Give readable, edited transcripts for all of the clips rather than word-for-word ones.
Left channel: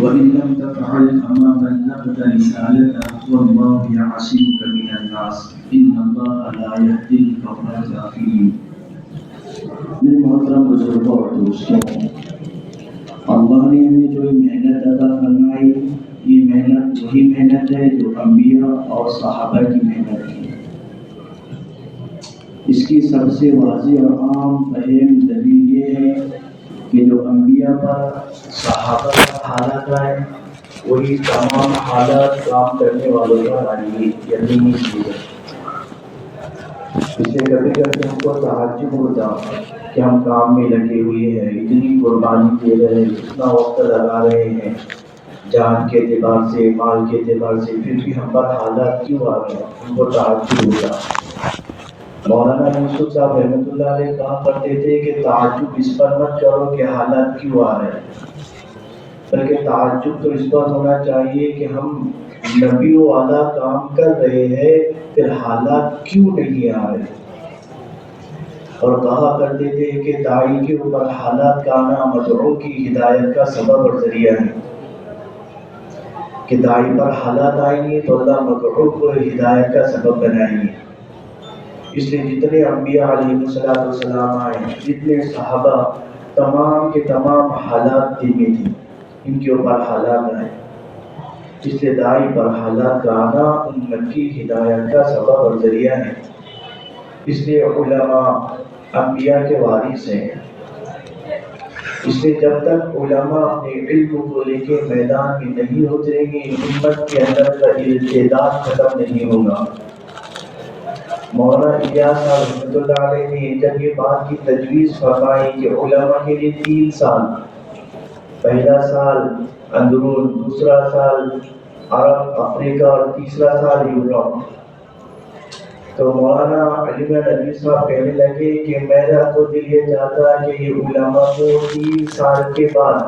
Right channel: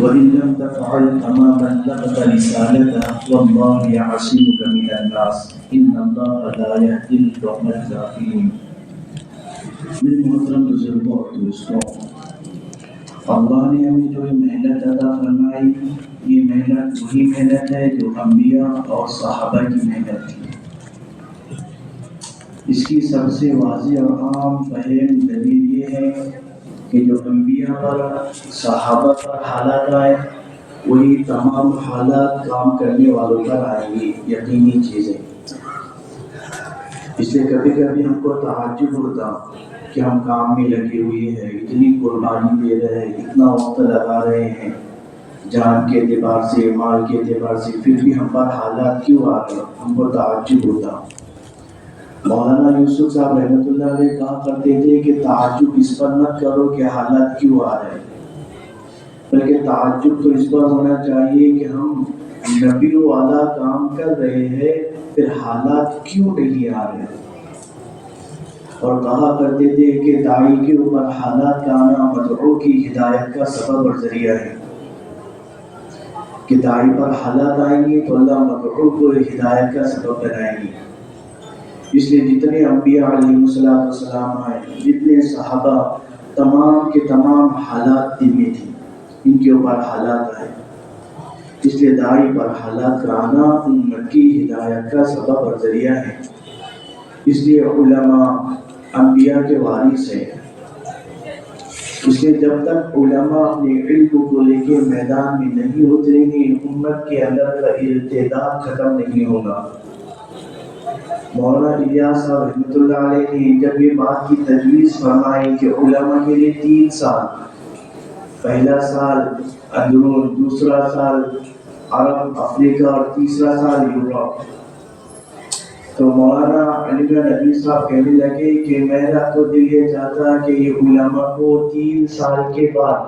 وإن لم تفعل فما بلغت رسالته والله يعصمك من الناس إن الله لا يهدي القوم الكافرين. میرے محترم بزرگوں اور دوستوں، اللہ نے ہمیں جو محنت عطا فرمائی، یہ محنت وہی محنت ہے جو انبیاء اور صحابہ کی محنت تھی۔ اس کی سب سے واضح اور عام فہم دلیل یہ ہے کہ جو انبیاء پر صحابہ پر حالات آئے وہی تمام حالات کام کرنے والوں پر آئیں گی، یقینی چیز ہے۔ اس سے کبھی کبھی ہم کو تعجب ہوتا کہ ہم کام میں لگے ہوئے ہیں، اتنی قربانی دے رہے ہیں، اتنا وقت لگا رہے ہیں جان کے اعتبار سے، مال کے اعتبار سے، پھر بھی ہم پر حالات کیوں آ رہے ہیں؟ ہم کو تعجب ہوتا۔ مولانا یوسف صاحب رحمۃ اللہ علیہ کہا کرتے تھے کہ تعجب اس پر مت کرو کہ حالات کیوں آ رہے ہیں، بلکہ تعجب تو اس پر ہونا چاہیے کہ ہم نبی و اعلیٰ کام کر رہے ہیں، پھر حالات کیوں نہیں آ رہے۔ اور کہا کرتے تھے کہ داعی کے اوپر حالات کا آنا مدعو کی ہدایت کا سبب اور ذریعہ ہے، کہ داعی پر حالات آئیں گے تو اللہ مدعو کو ہدایت کا سبب بنائیں گے۔ اس لیے جتنے انبیاء علیہ السلام آئے، جتنے صحابہ، تمام کے تمام حالات دل میں تھی، ان کے اوپر حالات آئے۔ اس لیے داعی پر حالات کا آنا امت کی ہدایت کا سبب اور ذریعہ ہے۔ اس لیے علماء انبیاء کے وارث ہیں۔ اس لیے جب تک علماء اپنے علم کو لے کے میدان میں نہیں اتریں گے، امت کے اندر کا ارتداد ختم نہیں ہوگا۔ مولانا الیاس صاحب رحمۃ اللہ علیہ نے جب یہ بات کی تجویز فرمائی کہ علماء کے لیے 3 سال، پہلا سال اندرون، دوسرا سال عرب افریقہ اور تیسرا سال یورپ، تو مولانا علی ندوی صاحب کہنے لگے کہ میرا تو دل یہ چاہتا کہ یہ علماء کو 3 سال کے بعد،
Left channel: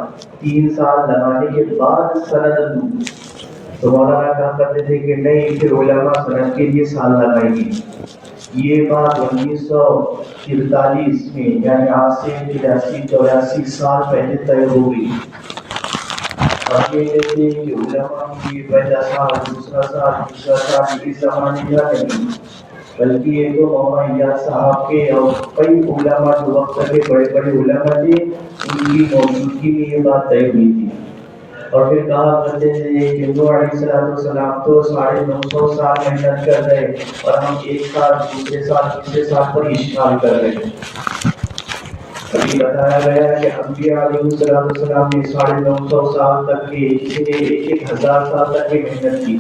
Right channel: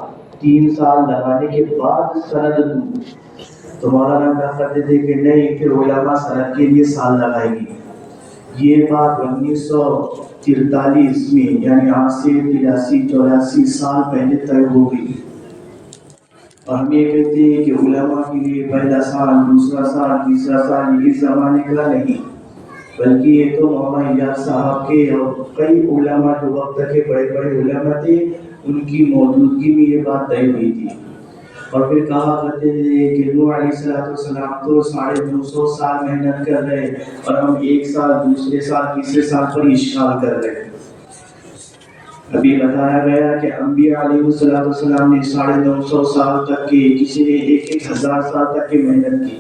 3 سال لگانے کے بعد سند دوں۔ تو مولانا کہا کرتے تھے کہ نہیں، پھر علماء سند کے لیے سال لگائیں گے۔ یہ بات 1943 میں، یعنی آج سے 83-84 سال پہلے طے ہو گئی۔ ہم یہ کہتے ہیں کہ علماء کے لیے پہلا سال، دوسرا سال، تیسرا سال اس زمانے کا نہیں، بلکہ یہ تو مولانا الیاس صاحب کے اور کئی علماء جو وقت کے بڑے بڑے علماء تھے، ان کی موجودگی میں یہ بات طے ہوئی تھی۔ اور پھر کہا کرتے تھے کہ نوح علیہ السلام تو 950 سال محنت کر رہے اور ہم 1 سال، دوسرے سال، تیسرے سال پر اشتغال کر رہے۔ ابھی بتایا گیا کہ انبیاء علیہ السلام نے 950 سال تک کے، کسی نے 1000 سال تک کی محنت کی۔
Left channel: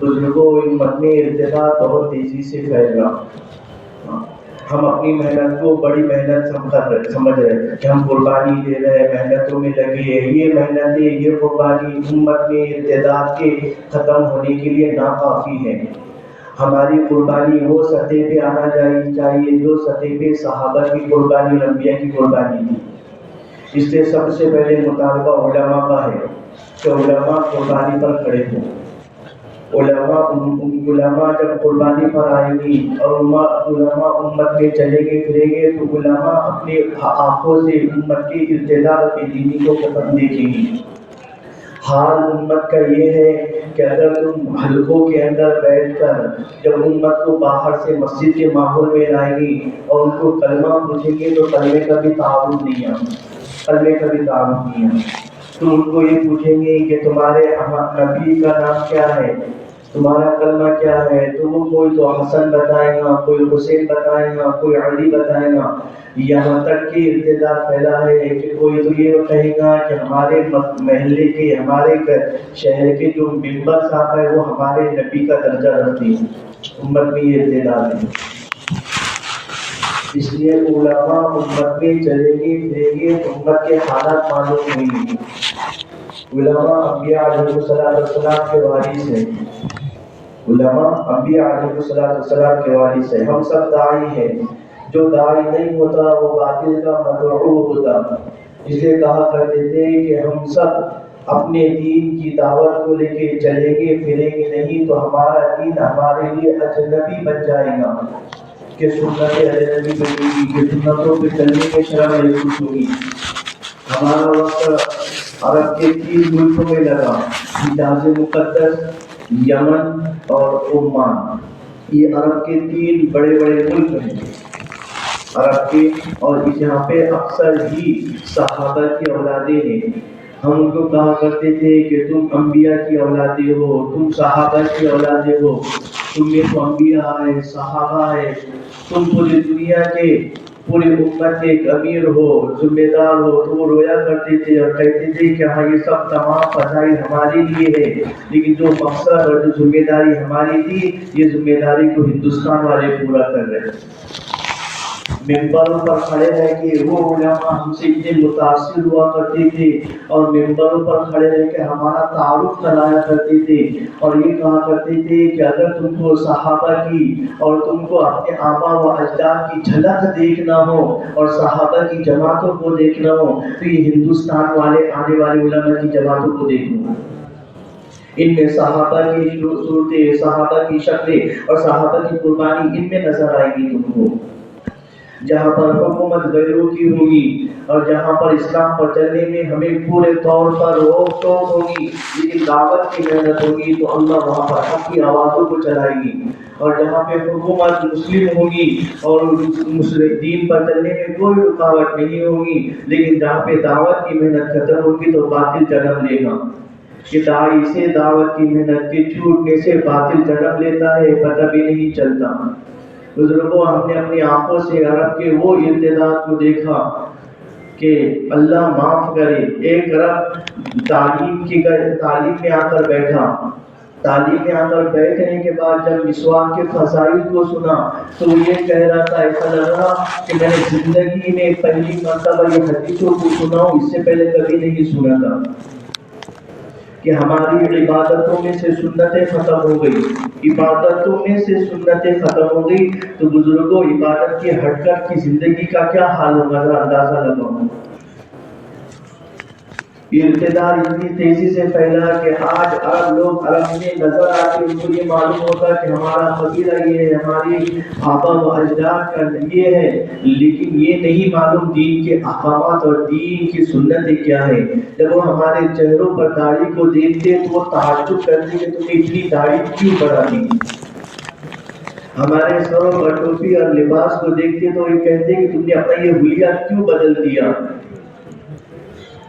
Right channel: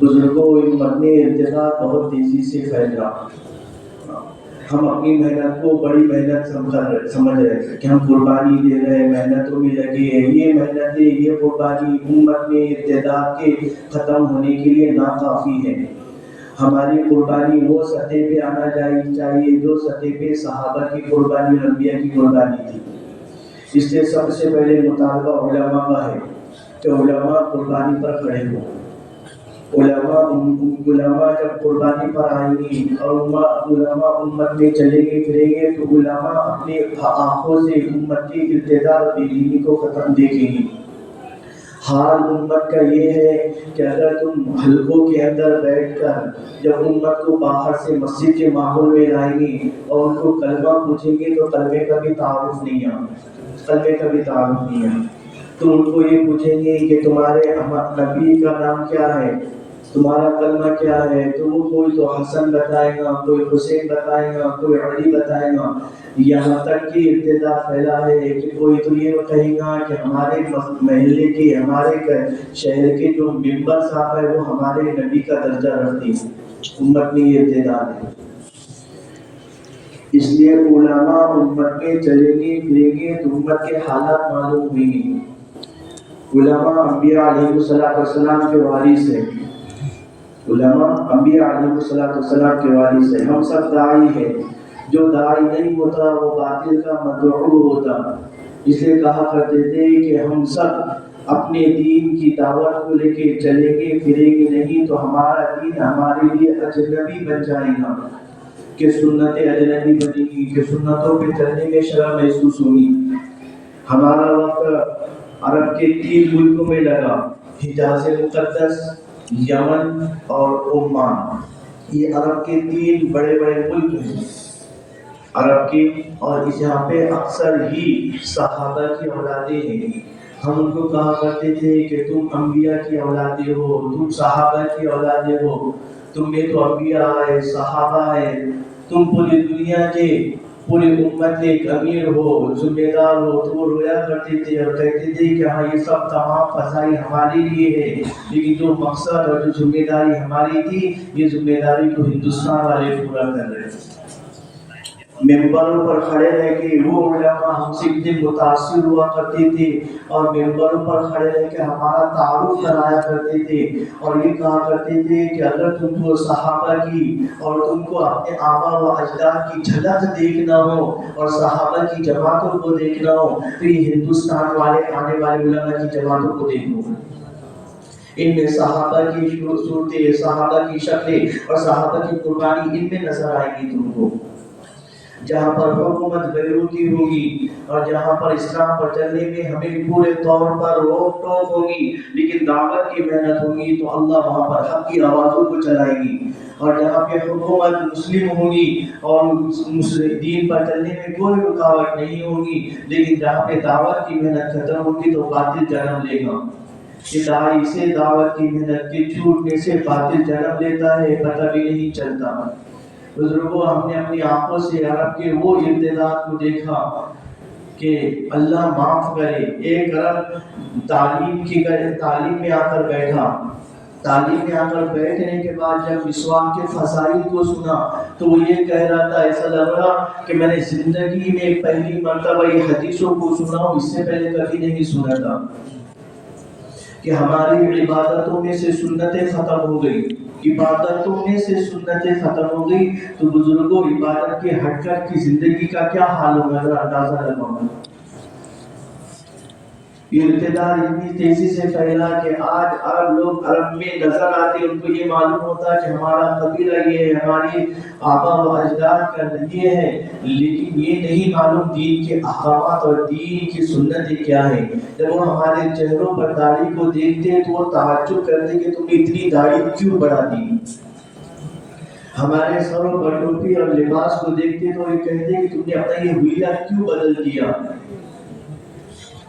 بزرگوں، امت میں ارتداد بہت تیزی سے پھیل رہا۔ ہم اپنی محنت کو بڑی محنت سمجھ رہے کہ ہم قربانی دے رہے، محنتوں میں لگے ہیں۔ یہ محنتیں، یہ قربانی امت میں ارتداد کے ختم ہونے کے لیے ناکافی ہے۔ ہماری قربانی وہ سطح پہ آنا چاہیے جو سطح پہ صحابہ کی قربانی اور انبیاء کی قربانی تھی۔ اس لیے سب سے پہلے مطالبہ علماء کا ہے کہ علماء قربانی پر کھڑے ہوں۔ علماء جب قربانی پر آئیں گی اور علماء امت میں چلیں گے پھریں گے تو علماء اپنے آنکھوں سے امت کے ارتداد اور بے دینی کو ختم دیکھیں گی۔ حال امت کا یہ ہے کہ اگر تم حلقوں کے اندر بیٹھ کر جب امت کو باہر سے مسجد کے ماحول میں لائیں گی اور ان کو کلمہ پوچھیں گے تو کلمے کا بھی تعارف نہیں ہے۔ تو ان کو یہ پوچھیں گے کہ تمہارے نبی کا نام کیا ہے، تمہارا کلمہ کیا ہے، تو وہ کوئی تو حسن بتائے گا، کوئی حسین بتائے گا، کوئی علی بتائے گا۔ یہاں تک کہ ارتداد پھیلا ہے کہ کوئی تو یہ کہے گا کہ ہمارے محلے کے، ہمارے شہر کے جو ممبر صاحب ہے وہ ہمارے نبی کا درجہ رکھتے ہیں۔ امت میں یہ ارتداد ہے۔ اس لیے علماء امت میں چلیں گے پھریں گے تو امت کے حالات معلوم ہوئیں گے۔ علماء انبیاء علیہ السلام کے وارث ہیں۔ علماء انبیاء علیہ السلام کے وارث ہیں۔ ہم سب داعی ہیں، جو داعی نہیں ہوتا وہ باطل کا مدعو ہوتا۔ اس لیے کہا کرتے تھے کہ ہم سب اپنے دین کی دعوت کو لے کے چلیں گے پھریں گے نہیں تو ہمارا دین ہمارے لیے اجنبی بن جائے گا، کہ سنتیں اجنبی بنے گی، کہ سنتوں پہ چلنے میں شرم محسوس ہوگی۔ ہمارا وقت عرب کے 3 ملکوں میں لگا، حجاز مقدس، یمن اور عمان۔ یہ عرب کے 3 بڑے بڑے ملک ہیں عرب کے، اور یہاں پہ اکثر ہی صحابہ کی اولادیں ہیں۔ ہم ان کو کہا کرتے تھے کہ تم انبیاء کی اولادیں ہو، تم صحابہ کی اولادیں ہو، تم میں تو انبیاء ہے، صحابہ ہے، تم پوری دنیا کے، پوری امت کے ایک امیر ہو، ذمہ دار ہو۔ تو وہ رویا کرتے تھے اور کہتے تھے کہ ہاں یہ سب تمام فضائل ہمارے لیے ہے، لیکن جو مقصد اور جو ذمہ داری ہماری تھی، یہ ذمہ داری کو ہندوستان والے پورا کر رہے ہیں۔ ممبروں پر کھڑے رہ کے وہ علماء ہم سے اتنے متاثر ہوا کرتے تھے، اور ممبروں پر کھڑے رہ کے ہمارا تعارف کرایا کرتے تھے، اور یہ کہا کرتے تھے کہ اگر تم کو صحابہ کی اور تم کو اپنے آبا و اجداد کی جھلک دیکھنا ہو اور صحابہ کی جماعتوں کو دیکھنا ہو تو یہ ہندوستان والے آنے والے علماء کی جماعتوں کو دیکھو۔ ان میں صحابہ کی صورتیں، صحابہ کی شکلیں اور صحابہ کی قربانی ان میں نظر آئے گی تم کو۔ جہاں پر حکومت غیروں کی ہوگی اور جہاں پر اسلام پر چلنے میں ہمیں پورے طور پر روک ٹوک ہوگی، لیکن دعوت کی محنت ہوگی تو اللہ وہاں پر حق کی آوازوں کو چلائے گی۔ اور جہاں پہ حکومت مسلم ہوگی اور مسلم دین پر چلنے میں کوئی رکاوٹ نہیں ہوگی، لیکن جہاں پہ دعوت کی محنت ختم ہوگی تو باطل جنم لے گا۔ کہ داعی سے دعوت کی محنت کے چھوٹنے سے باطل جنم لیتا ہے، پتہ بھی نہیں چلتا۔ بزرگوں، ہم نے اپنی آنکھوں سے عرب کے وہ ارتداد کو دیکھا کہ اللہ معاف کرے۔ ایک عرب تعلیم میں آ کر بیٹھا، تعلیم میں آ کر بیٹھنے کے بعد جب مسواک کے فضائل کو سنا تو وہ یہ کہہ رہا تھا، ایسا لگ رہا کہ میں نے زندگی میں پہلی مرتبہ یہ حدیثوں کو سنا ہوں، اس سے پہلے کبھی نہیں سنا تھا کہ ہماری عبادتوں میں سے سنتیں ختم ہو گئی، عبادتوں میں سے سنتیں ختم ہو گئی۔ تو بزرگوں، عبادت کے ہٹ کر کی زندگی کا کیا حال ہوگا، ذرا اندازہ لگاؤ۔ ارتداد اتنی تیزی سے پھیلا کہ آج عرب لوگ عرب میں نظر آتے، ان کو یہ معلوم ہوتا کہ ہمارا قبیلہ یہ ہے، ہماری آبا و اجداد کا یہ ہے، لیکن یہ نہیں معلوم دین کے احکامات اور دین کی سنتیں کیا ہے۔ جب وہ ہمارے چہروں پر داڑھی کو دیکھتے تو وہ تعجب کرتے کہ تم نے اتنی داڑھی کیوں بڑھا دی۔ ہمارے سروں پر ٹوپی اور لباس کو دیکھتے تو یہ کہتے کہ تم نے اپنا یہ حلیہ کیوں بدل دیا۔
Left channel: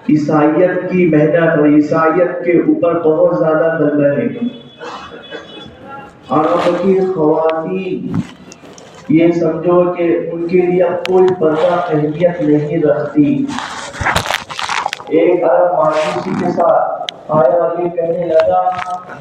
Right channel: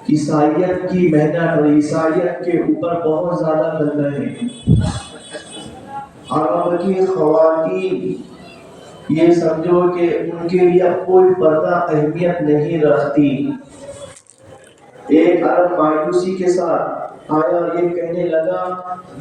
عیسائیت کی محنت اور عیسائیت کے اوپر بہت زیادہ غلبہ ہے۔ عرب کی خواتین یہ سمجھو کہ ان کے لیے اب کوئی پردہ اہمیت نہیں رکھتی۔ ایک عرب مایوسی کے ساتھ آیا اور یہ کہنے لگا،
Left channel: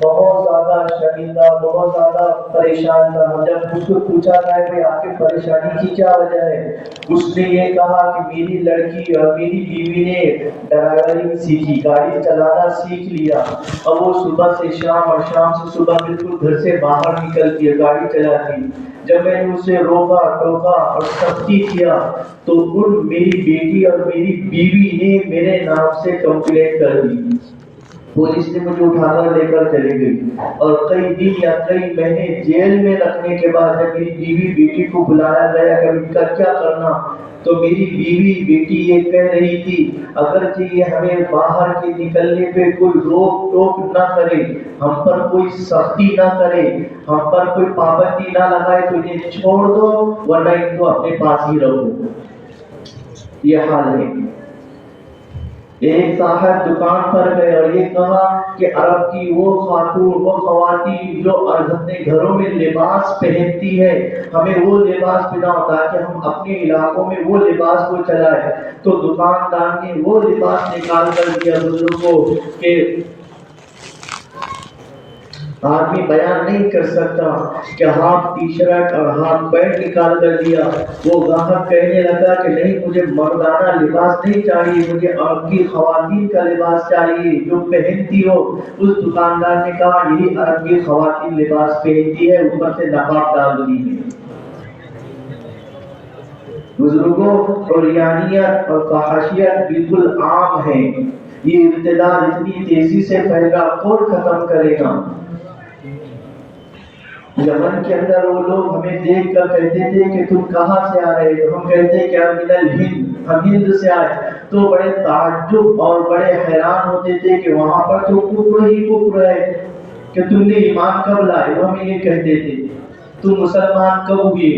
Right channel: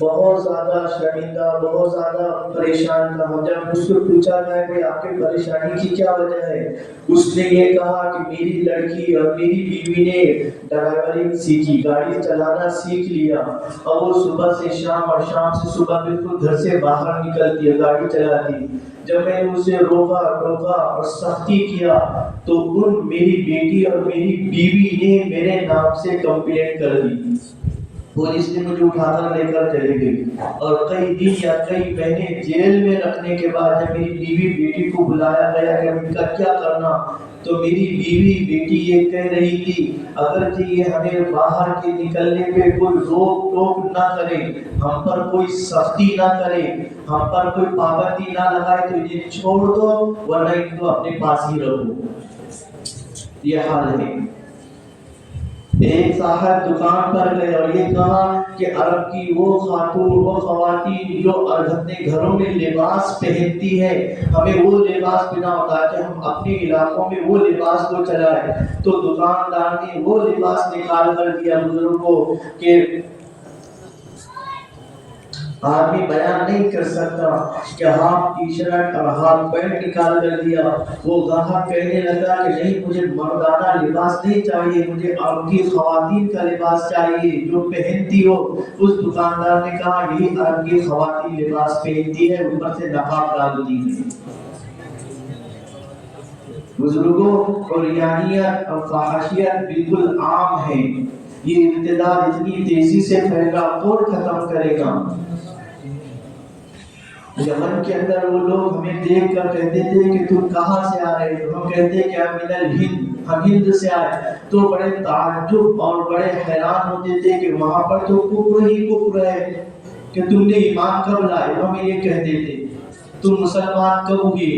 بہت زیادہ شرمندہ، بہت زیادہ پریشان تھا۔ جب اس کو پوچھا تھا کہ آپ کی پریشانی کی کیا وجہ ہے، اس نے یہ کہا کہ میری لڑکی اور میری بیوی نے ڈرائیورنگ سیکھی، گاڑی چلانا سیکھ لیا، اور وہ صبح سے شام اور شام سے صبح بالکل گھر سے باہر نکلتی ہے، گاڑی چلاتی۔ جب میں نے اسے روکا ٹوکا اور سختی کیا تو میری بیٹی اور میری بیوی نے میرے نام سے کمپلین کر دی۔ پولیس نے مجھے اٹھا کر لے کر چلی گئی، اور کئی دن یا کئی مہینے جیل میں رکھنے کے بعد جب میری بیوی بیٹی کو بلایا گیا کہ ان کا کیا کرنا، تو میری بیوی بیٹی یہ کہہ رہی تھی، اگر یہ ہمیں باہر کے نکلنے پہ کوئی روک ٹوک نہ کرے، ہم پر کوئی سختی نہ کرے، ہم پر کوئی پابندی نہ لگائے تو انہیں چھوڑ دو، ورنہ ان کو اپنے پاس ہی رکھو۔ یہ حال ہے۔ ایک صاحب دکان پر گئے اور یہ کہا کہ عرب کی وہ خاتون، وہ خواتین جو اپنے گھروں میں لباس پہنتی ہے، ہمیں وہ لباس پہناؤ تاکہ ہم اپنے علاقوں میں وہ لباس کو چلائیں۔ تو دکاندار نے وہ لباس نکال کر دیا بزرگوں کہ آدمی بیان نہیں کر سکتا کہ ہاف ٹی شرٹ اور ہاف پینٹ نکال کر دیا۔ وہ گاہک کہنے لگا کہ نہیں، مجھے مردانہ لباس نہیں چاہیے، مجھے عرب کی خواتین کا لباس چاہیے جو پہنتی ہو۔ اس دکاندار نے کہا یہی عرب کی خواتین لباس پہنتی ہے، اوپر سے نقاب ڈالتی ہے۔ بزرگوں، عریانیت اور فحاشیت بالکل عام ہے۔ یہ ارتداد اتنی تیزی سے پھیلا، کون ختم کرے گا؟ یمن کے اندر وہ لوگ ہمیں دیکھ کر کہتے تھے کہ تم کہاں سے آ رہے ہو، ہم کہتے کہ ہم من الہند، ہم ہند سے آئے تو بڑے تعجب اور بڑے حیران ہوتے تھے کہ وہاں پر تو کفر ہی کفر ہے، کہ تم نے ایمان کب لائے؟ وہ ہمیں یہ کہتے تھے تم مسلمان کب ہوئے؟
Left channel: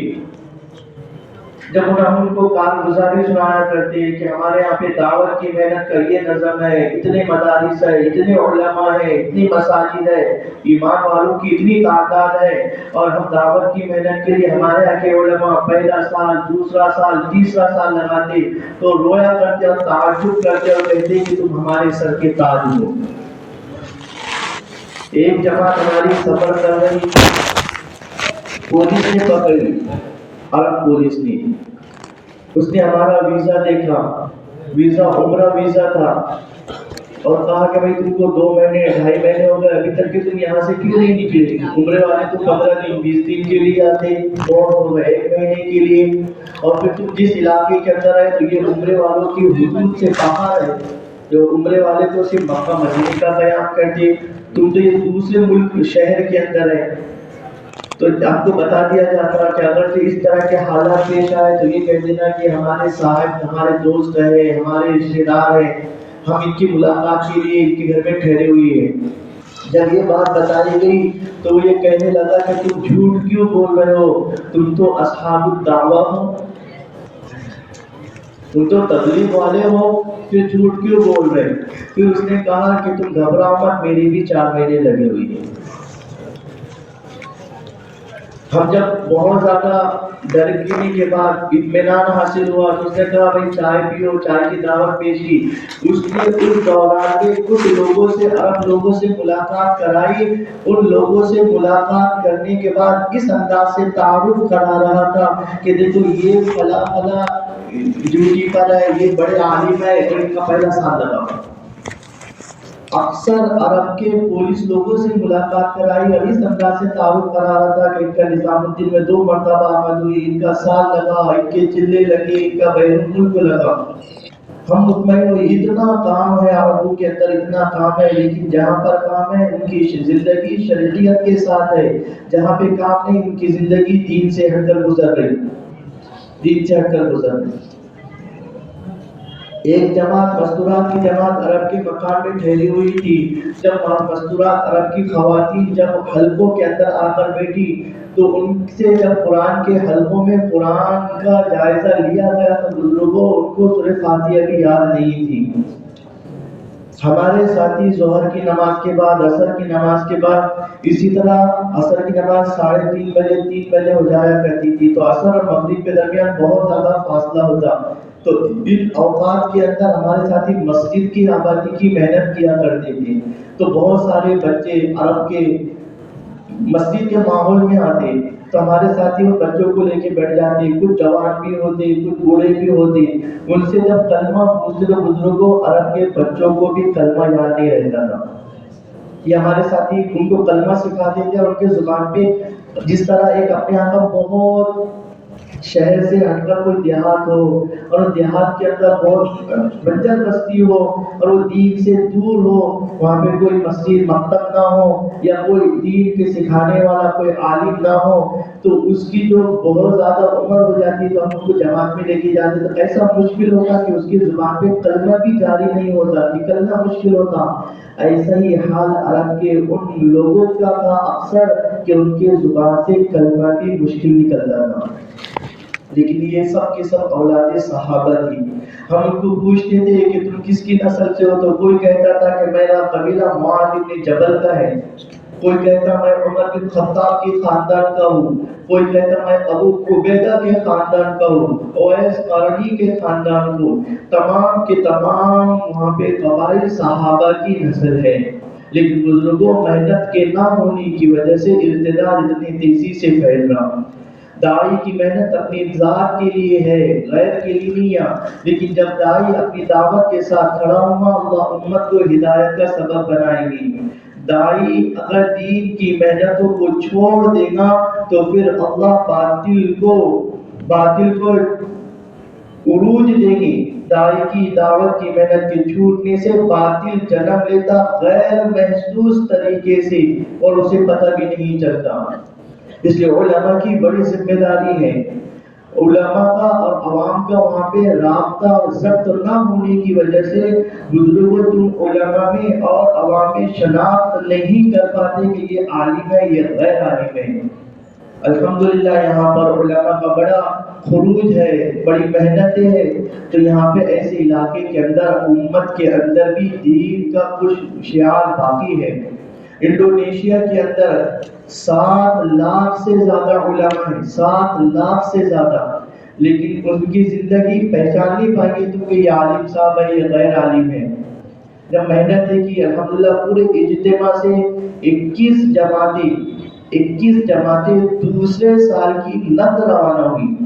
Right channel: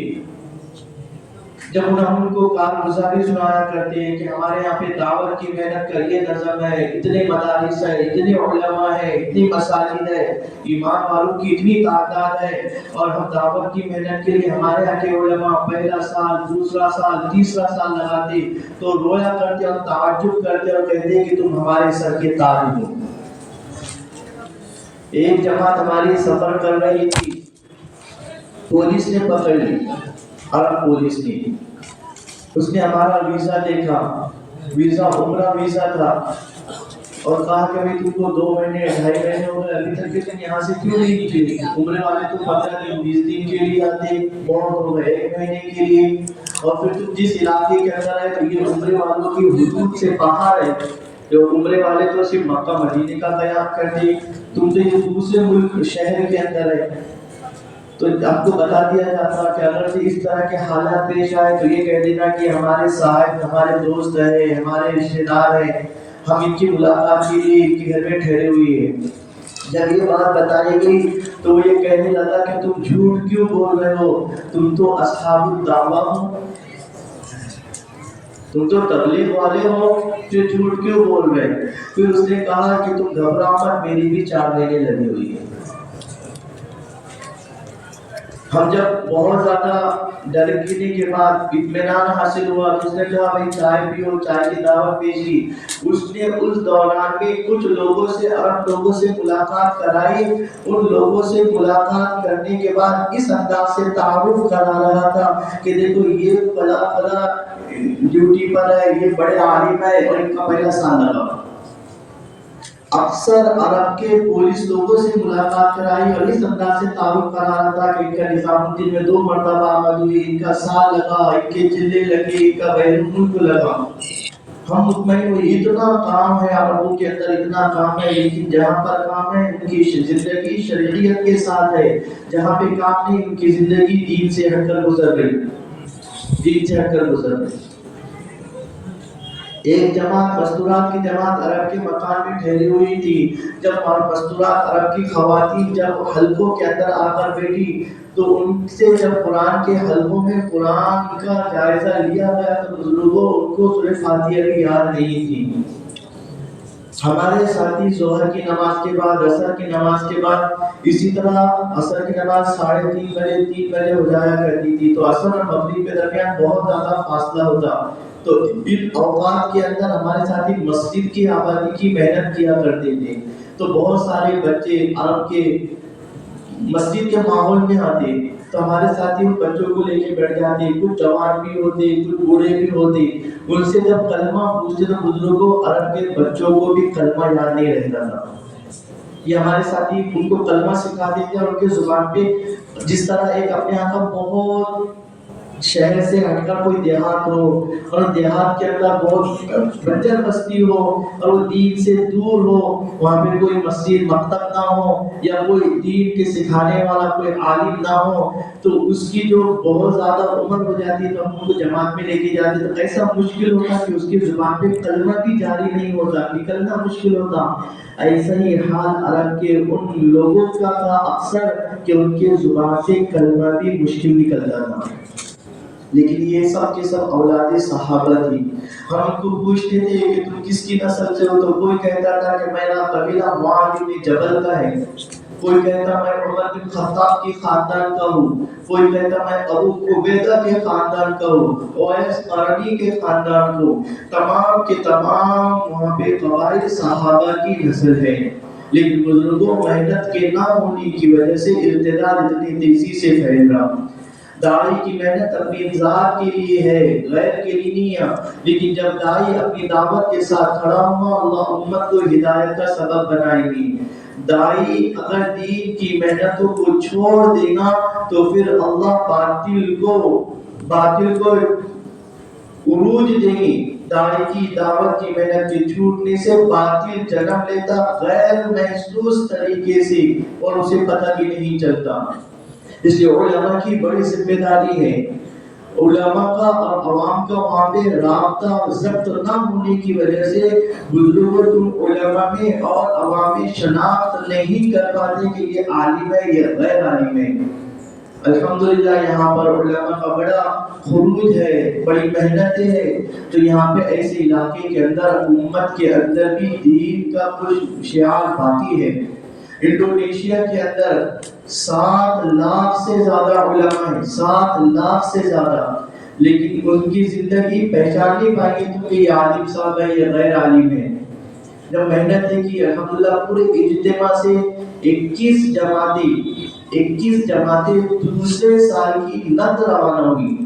جب ہم ان کو کارگزاری سنایا کرتے ہیں کہ ہمارے یہاں پہ دعوت کی محنت کا یہ نظم ہے، اتنے مدارس ہے، اتنے علماء ہے، اتنی مساجد ہے، ایمان والوں کی اتنی تعداد ہے، اور ہم دعوت کی محنت کے لیے ہمارے یہاں کے علماء پہلا سال، دوسرا سال، تیسرا سال لگاتے تو رویا کرتے اور تعجب کرتے اور کہتے کہ تم ہمارے سر کے تاج ہو۔ ایک جماعت ہماری سفر کر رہی، پولیس نے پکڑ لی، عرب پولیس نے، اس نے ہمارا ویزا دیکھا، ویزا عمرہ ویزا تھا، اور کہا کہ بھئی تم کو 2 مہینے 2.5 مہینے ہو گئے ابھی تک کہ تم یہاں سے کیوں نہیں نکلے؟ عمرے والے تو 15 دن 20 دن کے لیے آتے، بہت ہو گئے 1 مہینے کے لیے، اور پھر تم جس علاقے کے اندر ہے تو یہ عمرے والوں کی حدود سے باہر ہے، جو عمرے والے تو صرف مکہ مدینے کا قیام کرتے، تم تو یہ دوسرے ملک شہر کے اندر ہے۔ تو آپ کو بتا دیا جاتا کہ اگر سے اس طرح کے حالات پیش آئے تو یہ کہہ دینا کہ ہمارے صاحب، ہمارے دوست ہیں، ہمارے رشتے دار ہیں، ہم ان کی ملاقات کے لیے ان کے گھر میں ٹھہرے ہوئے ہیں۔ جب یہ بات بتائی گئی تو وہ یہ کہنے لگا کہ تم جھوٹ کیوں بول رہے ہو؟ تم تو اصحاب الدعوہ ہو، تم تو تبلیغ والے ہو، پھر جھوٹ کیوں بول رہے؟ پھر اس نے کہا کہ تم گھبراؤ مت، میری بھی 4 مہینے لگے ہوئی ہیں۔ ہم جب بہت زیادہ ڈرنے کے بعد اطمینان حاصل ہوا تو اس نے کہا بھائی چائے پیو، چائے کی دعوت پیش کی۔ اس نے اس دوران کے کچھ لوگوں سے، عرب لوگوں سے ملاقات کرائی، ان لوگوں سے ملاقات کرنے کے بعد اس انداز سے تعارف کرا رہا تھا کہ دیکھو یہ فلاں فلاں ڈیوٹی پر ہے، یہ بڑے عالم ہے اور ان کا پہلا سال لگا۔ اکثر عرب کے پولیس لوگوں سے ملاقات کرائی اور اس انداز سے تعارف کرا رہا تھا کہ ان کا نظام الدین میں 2 مرتبہ آمد ہوئی، ان کا سال لگا، ان کے چلے لگے، ان کا بیرون ملک لگا۔ ہم مطمئن ہوئے اتنا کام ہے عربوں کے اندر، اتنا کام ہے، لیکن جہاں پر کام ہے ان کی زندگی شرعیت کے ساتھ ہے، جہاں پہ کام نہیں ان کی زندگی دین سے ہٹ کر گزر رہی، دین سے ہٹ کر گزر رہی۔ ایک جماعت مستورات کی جماعت عرب کے مکان میں ٹھہری ہوئی تھی۔ جب مستورات عرب کی خواتین جب حلقوں کے اندر آ کر بیٹھی تو ان سے جب قرآن کے حلقوں میں قرآن کا جائزہ لیا گیا تو بزرگوں ان کو سورہ فاتحہ کی یاد نہیں تھی۔ ہمارے ساتھی ظہر کی نماز کے بعد، عصر کی نماز کے بعد، اسی طرح عصر کی نماز 3:30 بجے 3 بجے ہو جایا کرتی تھی، تو عصر اور مغرب کے درمیان بہت زیادہ فاصلہ ہوتا، تو ان اوقات کے اندر ہمارے ساتھی مسجد کی آبادی کی محنت کیا کرتے تھے، تو بہت سارے بچے عرب کے مسجد کے ماحول میں آتے تو ہمارے ساتھی ان بچوں کو لے کے بیٹھ جاتے، کچھ جوان بھی ہوتے، کچھ بوڑھے بھی ہوتے، ان سے جب کلمہ پوچھتے تو بزرگوں عرب کے بچوں کو بھی کلمہ یاد نہیں رہتا تھا، یہ ہمارے ساتھی ان کو کلمہ سکھاتے تھے، اور ان کے زبان پہ جس طرح ایک اپنے یہاں کا بہت شہر سے ہٹ کر کوئی دیہات ہو اور دیہات کے اندر بہت بنجر بستی ہو اور وہ دین سے دور ہو، وہاں پہ کوئی مسجد مکتب نہ ہو یا کوئی دین کے سکھانے والا کوئی عالم نہ ہو، تو اس کی جو بہت زیادہ عمر ہو جاتی تو ہم ان کو جماعت میں لے کے جاتے تو ایسا مشکل ہوتا کہ اس کی زبان پہ کلمہ بھی جاری نہیں ہوتا، نکلنا مشکل ہوتا۔ ایسا ہی حال عرب کے ان لوگوں کا تھا اکثر کہ ان کے زبان سے کلمہ بھی مشکل نکلتا تھا، لیکن یہ سب کے سب اولاد صحابہ تھی۔ ہم ان کو پوچھتے تھے کہ تم کس کی نسل سے ہو، تو کوئی کہتا تھا کہ میرا قبیلہ معاذ بن جبل کا ہے، کوئی کہتا میں عمر بن خطاب کے خاندان کا ہوں، کوئی کہتا میں ابو عبیدہ کے خاندان کا ہوں، اویس قرنی کے خاندان کو، تمام کے تمام وہاں پہ قبائل صحابہ کی نسل ہے، لیکن بزرگوں محنت کے نہ ہونے کی وجہ سے ارتداد اتنی تیزی سے پھیل رہا۔ داعی کی محنت اپنی ذات کے لیے ہے، غیر کے لیے نہیں ہے، لیکن جب داعی اپنی دعوت کے ساتھ کھڑا ہوا اللہ امت کو ہدایت کا سبب بنائے گی۔ داعی اگر دین کی محنتوں کو چھوڑ دے گا تو پھر اللہ باطل کو عروج دے گی۔ داعی کی دعوت کی محنت کے چھوٹنے سے باطل جنم لیتا غیر محسوس طریقے سے اور اسے پتہ بھی نہیں چلتا۔ اس لیے علماء کی بڑی ذمہ داری ہے، علماء کا اور عوام کا وہاں پہ رابطہ اور ضبط نہ ہونے کی وجہ سے بزرگوں تم علماء میں اور عوام میں شناخت نہیں کر پاتے کہ یہ عالم ہے یہ غیر عالم ہے۔ الحمدللہ یہاں پر علماء کا بڑا خروج ہے، بڑی محنتیں ہیں، تو یہاں پہ ایسے علاقے کے اندر امت کے اندر بھی دین کا کچھ شعار باقی ہے۔ انڈونیشیا کے اندر 7 لاکھ سے زیادہ علماء ہیں، 7 لاکھ سے زیادہ، لیکن ان کی زندگی پہچان نہیں پائیں گے کہ یہ عالم صاحب ہے یہ غیر عالم ہے۔ جب محنت کی الحمدللہ پورے اجتماع سے 21 جماعتیں دوسرے سال کی نقد روانہ ہوئی،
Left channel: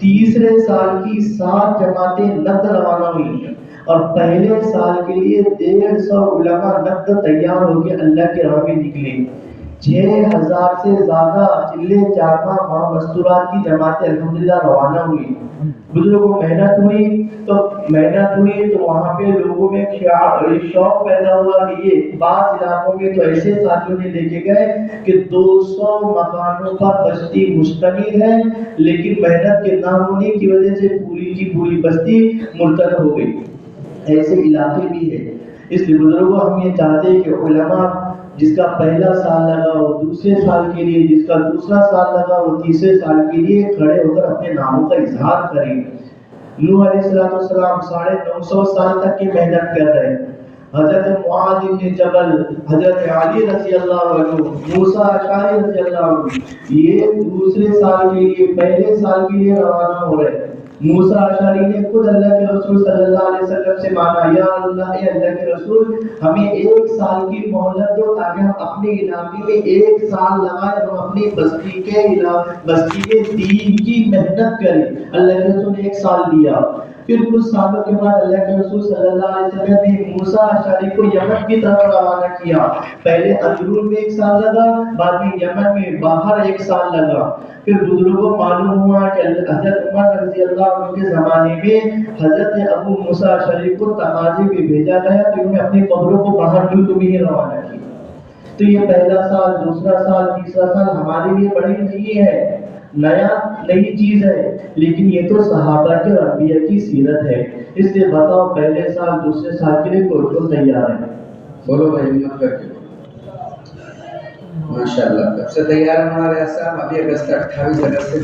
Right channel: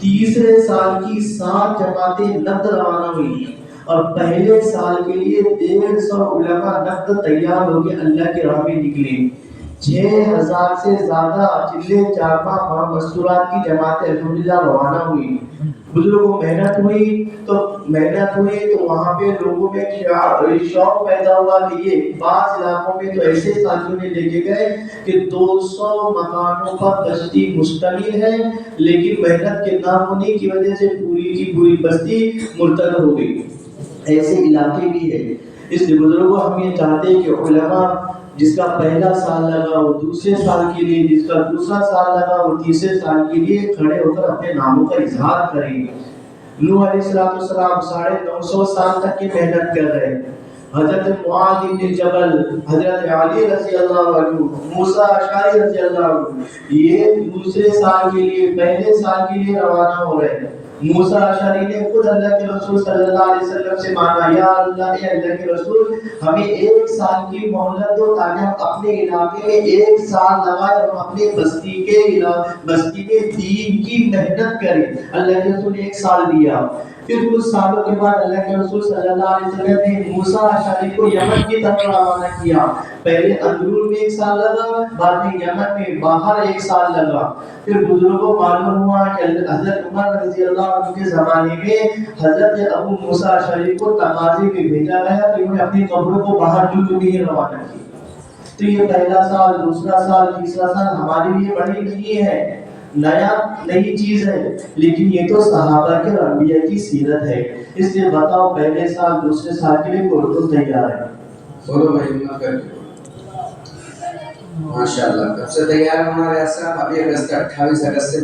تیسرے سال کی 7 جماعتیں نقد روانہ ہوئی، اور پہلے سال کے لیے 150 علماء نقد تیار ہو کے اللہ کے راہ میں نکلے۔ 6000 سے زیادہ چلے چارپا مستورات کی جماعتیں الحمدللہ روانہ ہوئی۔ بزرگوں محنت ہوئی تو وہاں پہ لوگوں میں شوق پیدا ہوا کہ یہ بعض علاقوں میں تو ایسے ساتھیوں نے لے کے گئے کہ 200 مکانوں پر بستی مشتمل ہے، لیکن محنت کے نہ ہونے کی وجہ سے پوری کی پوری بستی مرتد ہو گئی۔ ایسے علاقے بھی ہے۔ اس لیے بزرگوں ہم یہ چاہتے ہیں کہ علماء جس کا پہلا سال لگا وہ دوسرے سال کے لیے، جس کا دوسرا سال لگا وہ تیسرے سال کے لیے کھڑے ہو کر اپنے ناموں کا اظہار کریں۔ نوح علیہ السلام 950 سال تک کی محنت کر رہے ہیں۔ حضرت معاذ بن جبل، حضرت علی رضی اللہ عنہ، موسیٰ اشعری رضی اللہ عنہ، یہ دوسرے سال کے لیے پہلے سال کے لیے روانہ ہو رہے ہیں۔ موسیٰ اشعری نے خود اللہ کے رسول صلی اللہ علیہ وسلم سے مانگا، یا اللہ اے اللہ کے رسول ہمیں 1 سال کی مہلت دو تاکہ ہم اپنے علاقے میں 1 سال لگائے اور ہم اپنی بستی کے دین کی محنت کریں۔ اللہ کے رسول نے 1 سال دیا۔ پھر کچھ سالوں کے بعد اللہ کے رسول صلی اللہ علیہ وسلم نے موسیٰ اشعری کو یمن کی طرف روانہ کیا۔ پہلے اندرون میں 1 سال لگا، بعد میں یمن میں باہر 1 سال لگا۔ پھر بزرگوں کو معلوم ہوا کہ حضرت عمر رضی اللہ عنہ کے زمانے میں حضرت ابو موسیٰ اشعری کو تقاضے میں بھیجا گیا تو انہوں نے اپنی قبروں کو باہر ملک میں ہی روانہ کیا۔ تو یہ پہلا سال، دوسرا سال، تیسرا سال ہمارے لیے بڑی نہیں ہے، نئی چیز ہے، لیکن یہ تو صحابہ کے اور انبیاء کی سیرت ہے۔ اس لیے بتاؤ پہلے سال دوسرے سال کے لیے کون تیار ہے؟ بولو بھائی ہمت کر کے ماشاءاللہ۔ کب سے تیار ہے ہمارے صاحب؟ ابھی 28 اگست سے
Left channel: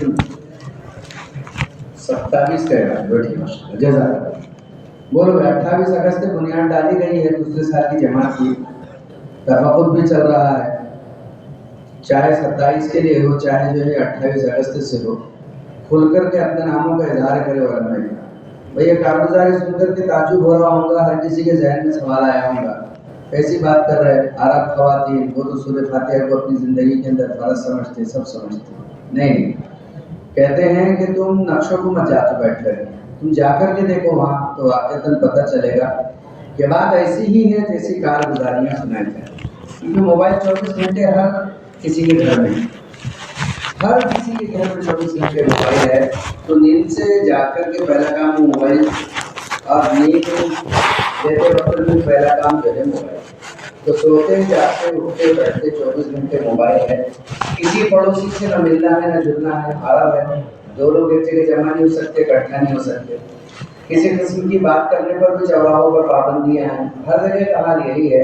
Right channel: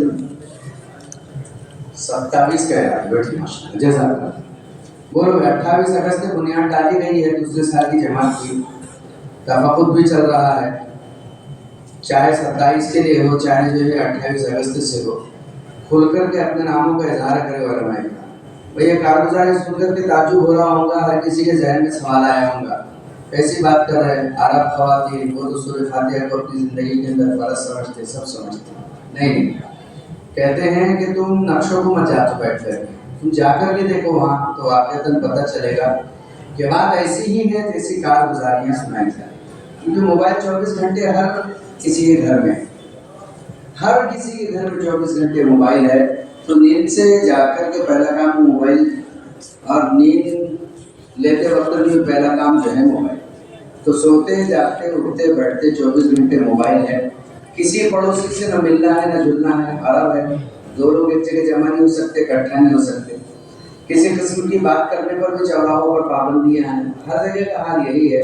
27 کا ہے، بیٹھی ماشاءاللہ جزاک اللہ۔ بولو بھائی 28 اگست سے بنیاد ڈالی گئی ہے دوسرے سال کی جماعت کی، تفقد بھی چل رہا ہے، چاہے 27 کے لیے ہو چاہے جو ہے 28 اگست سے ہو، کھل کر کے اپنے ناموں کا اظہار کرے علماء کا۔ بھئی کارگزاری سن کر کے تعجب ہو رہا ہوگا، ہر کسی کے ذہن میں سوال آیا ہوگا کیسی بات کر رہے ہیں؟ عرب خواتین وہ تو سورہ فاتحہ کو اپنی زندگی کے اندر فرض سمجھتے، سب سمجھتے، نہیں کہتے ہیں کہ تم نقشوں کو مت جاتے بیٹھ کر، تم جا کر کے دیکھو وہاں تو واقعتاً پتہ چلے گا کہ بات ایسی ہی ہے جیسی کارگزاریاں سنائی جائیں۔ کیونکہ موبائل 24 گھنٹے ہر کسی کے گھر میں، ہر کسی کے گھر میں 24 گھنٹے موبائل ہے، تو نیند سے جا کر کے پہلا کام موبائل، اور نیند لیتے وقت میں پہلا کام جو ہے موبائل، تو سوتے جاتے اٹھتے بیٹھتے 24 گھنٹے موبائل ہے۔ کسی پڑوسی سے نہ ملنا ہے نہ جلنا ہے، عرب ہے، 2 لوگ ایک جگہ جمع نہیں ہو سکتے، اکٹھا نہیں ہو سکتے، کسی قسم کی بات کرنے پر بھی چوراہوں پر پابندیاں ہیں، ہر جگہ کا حال یہی ہے۔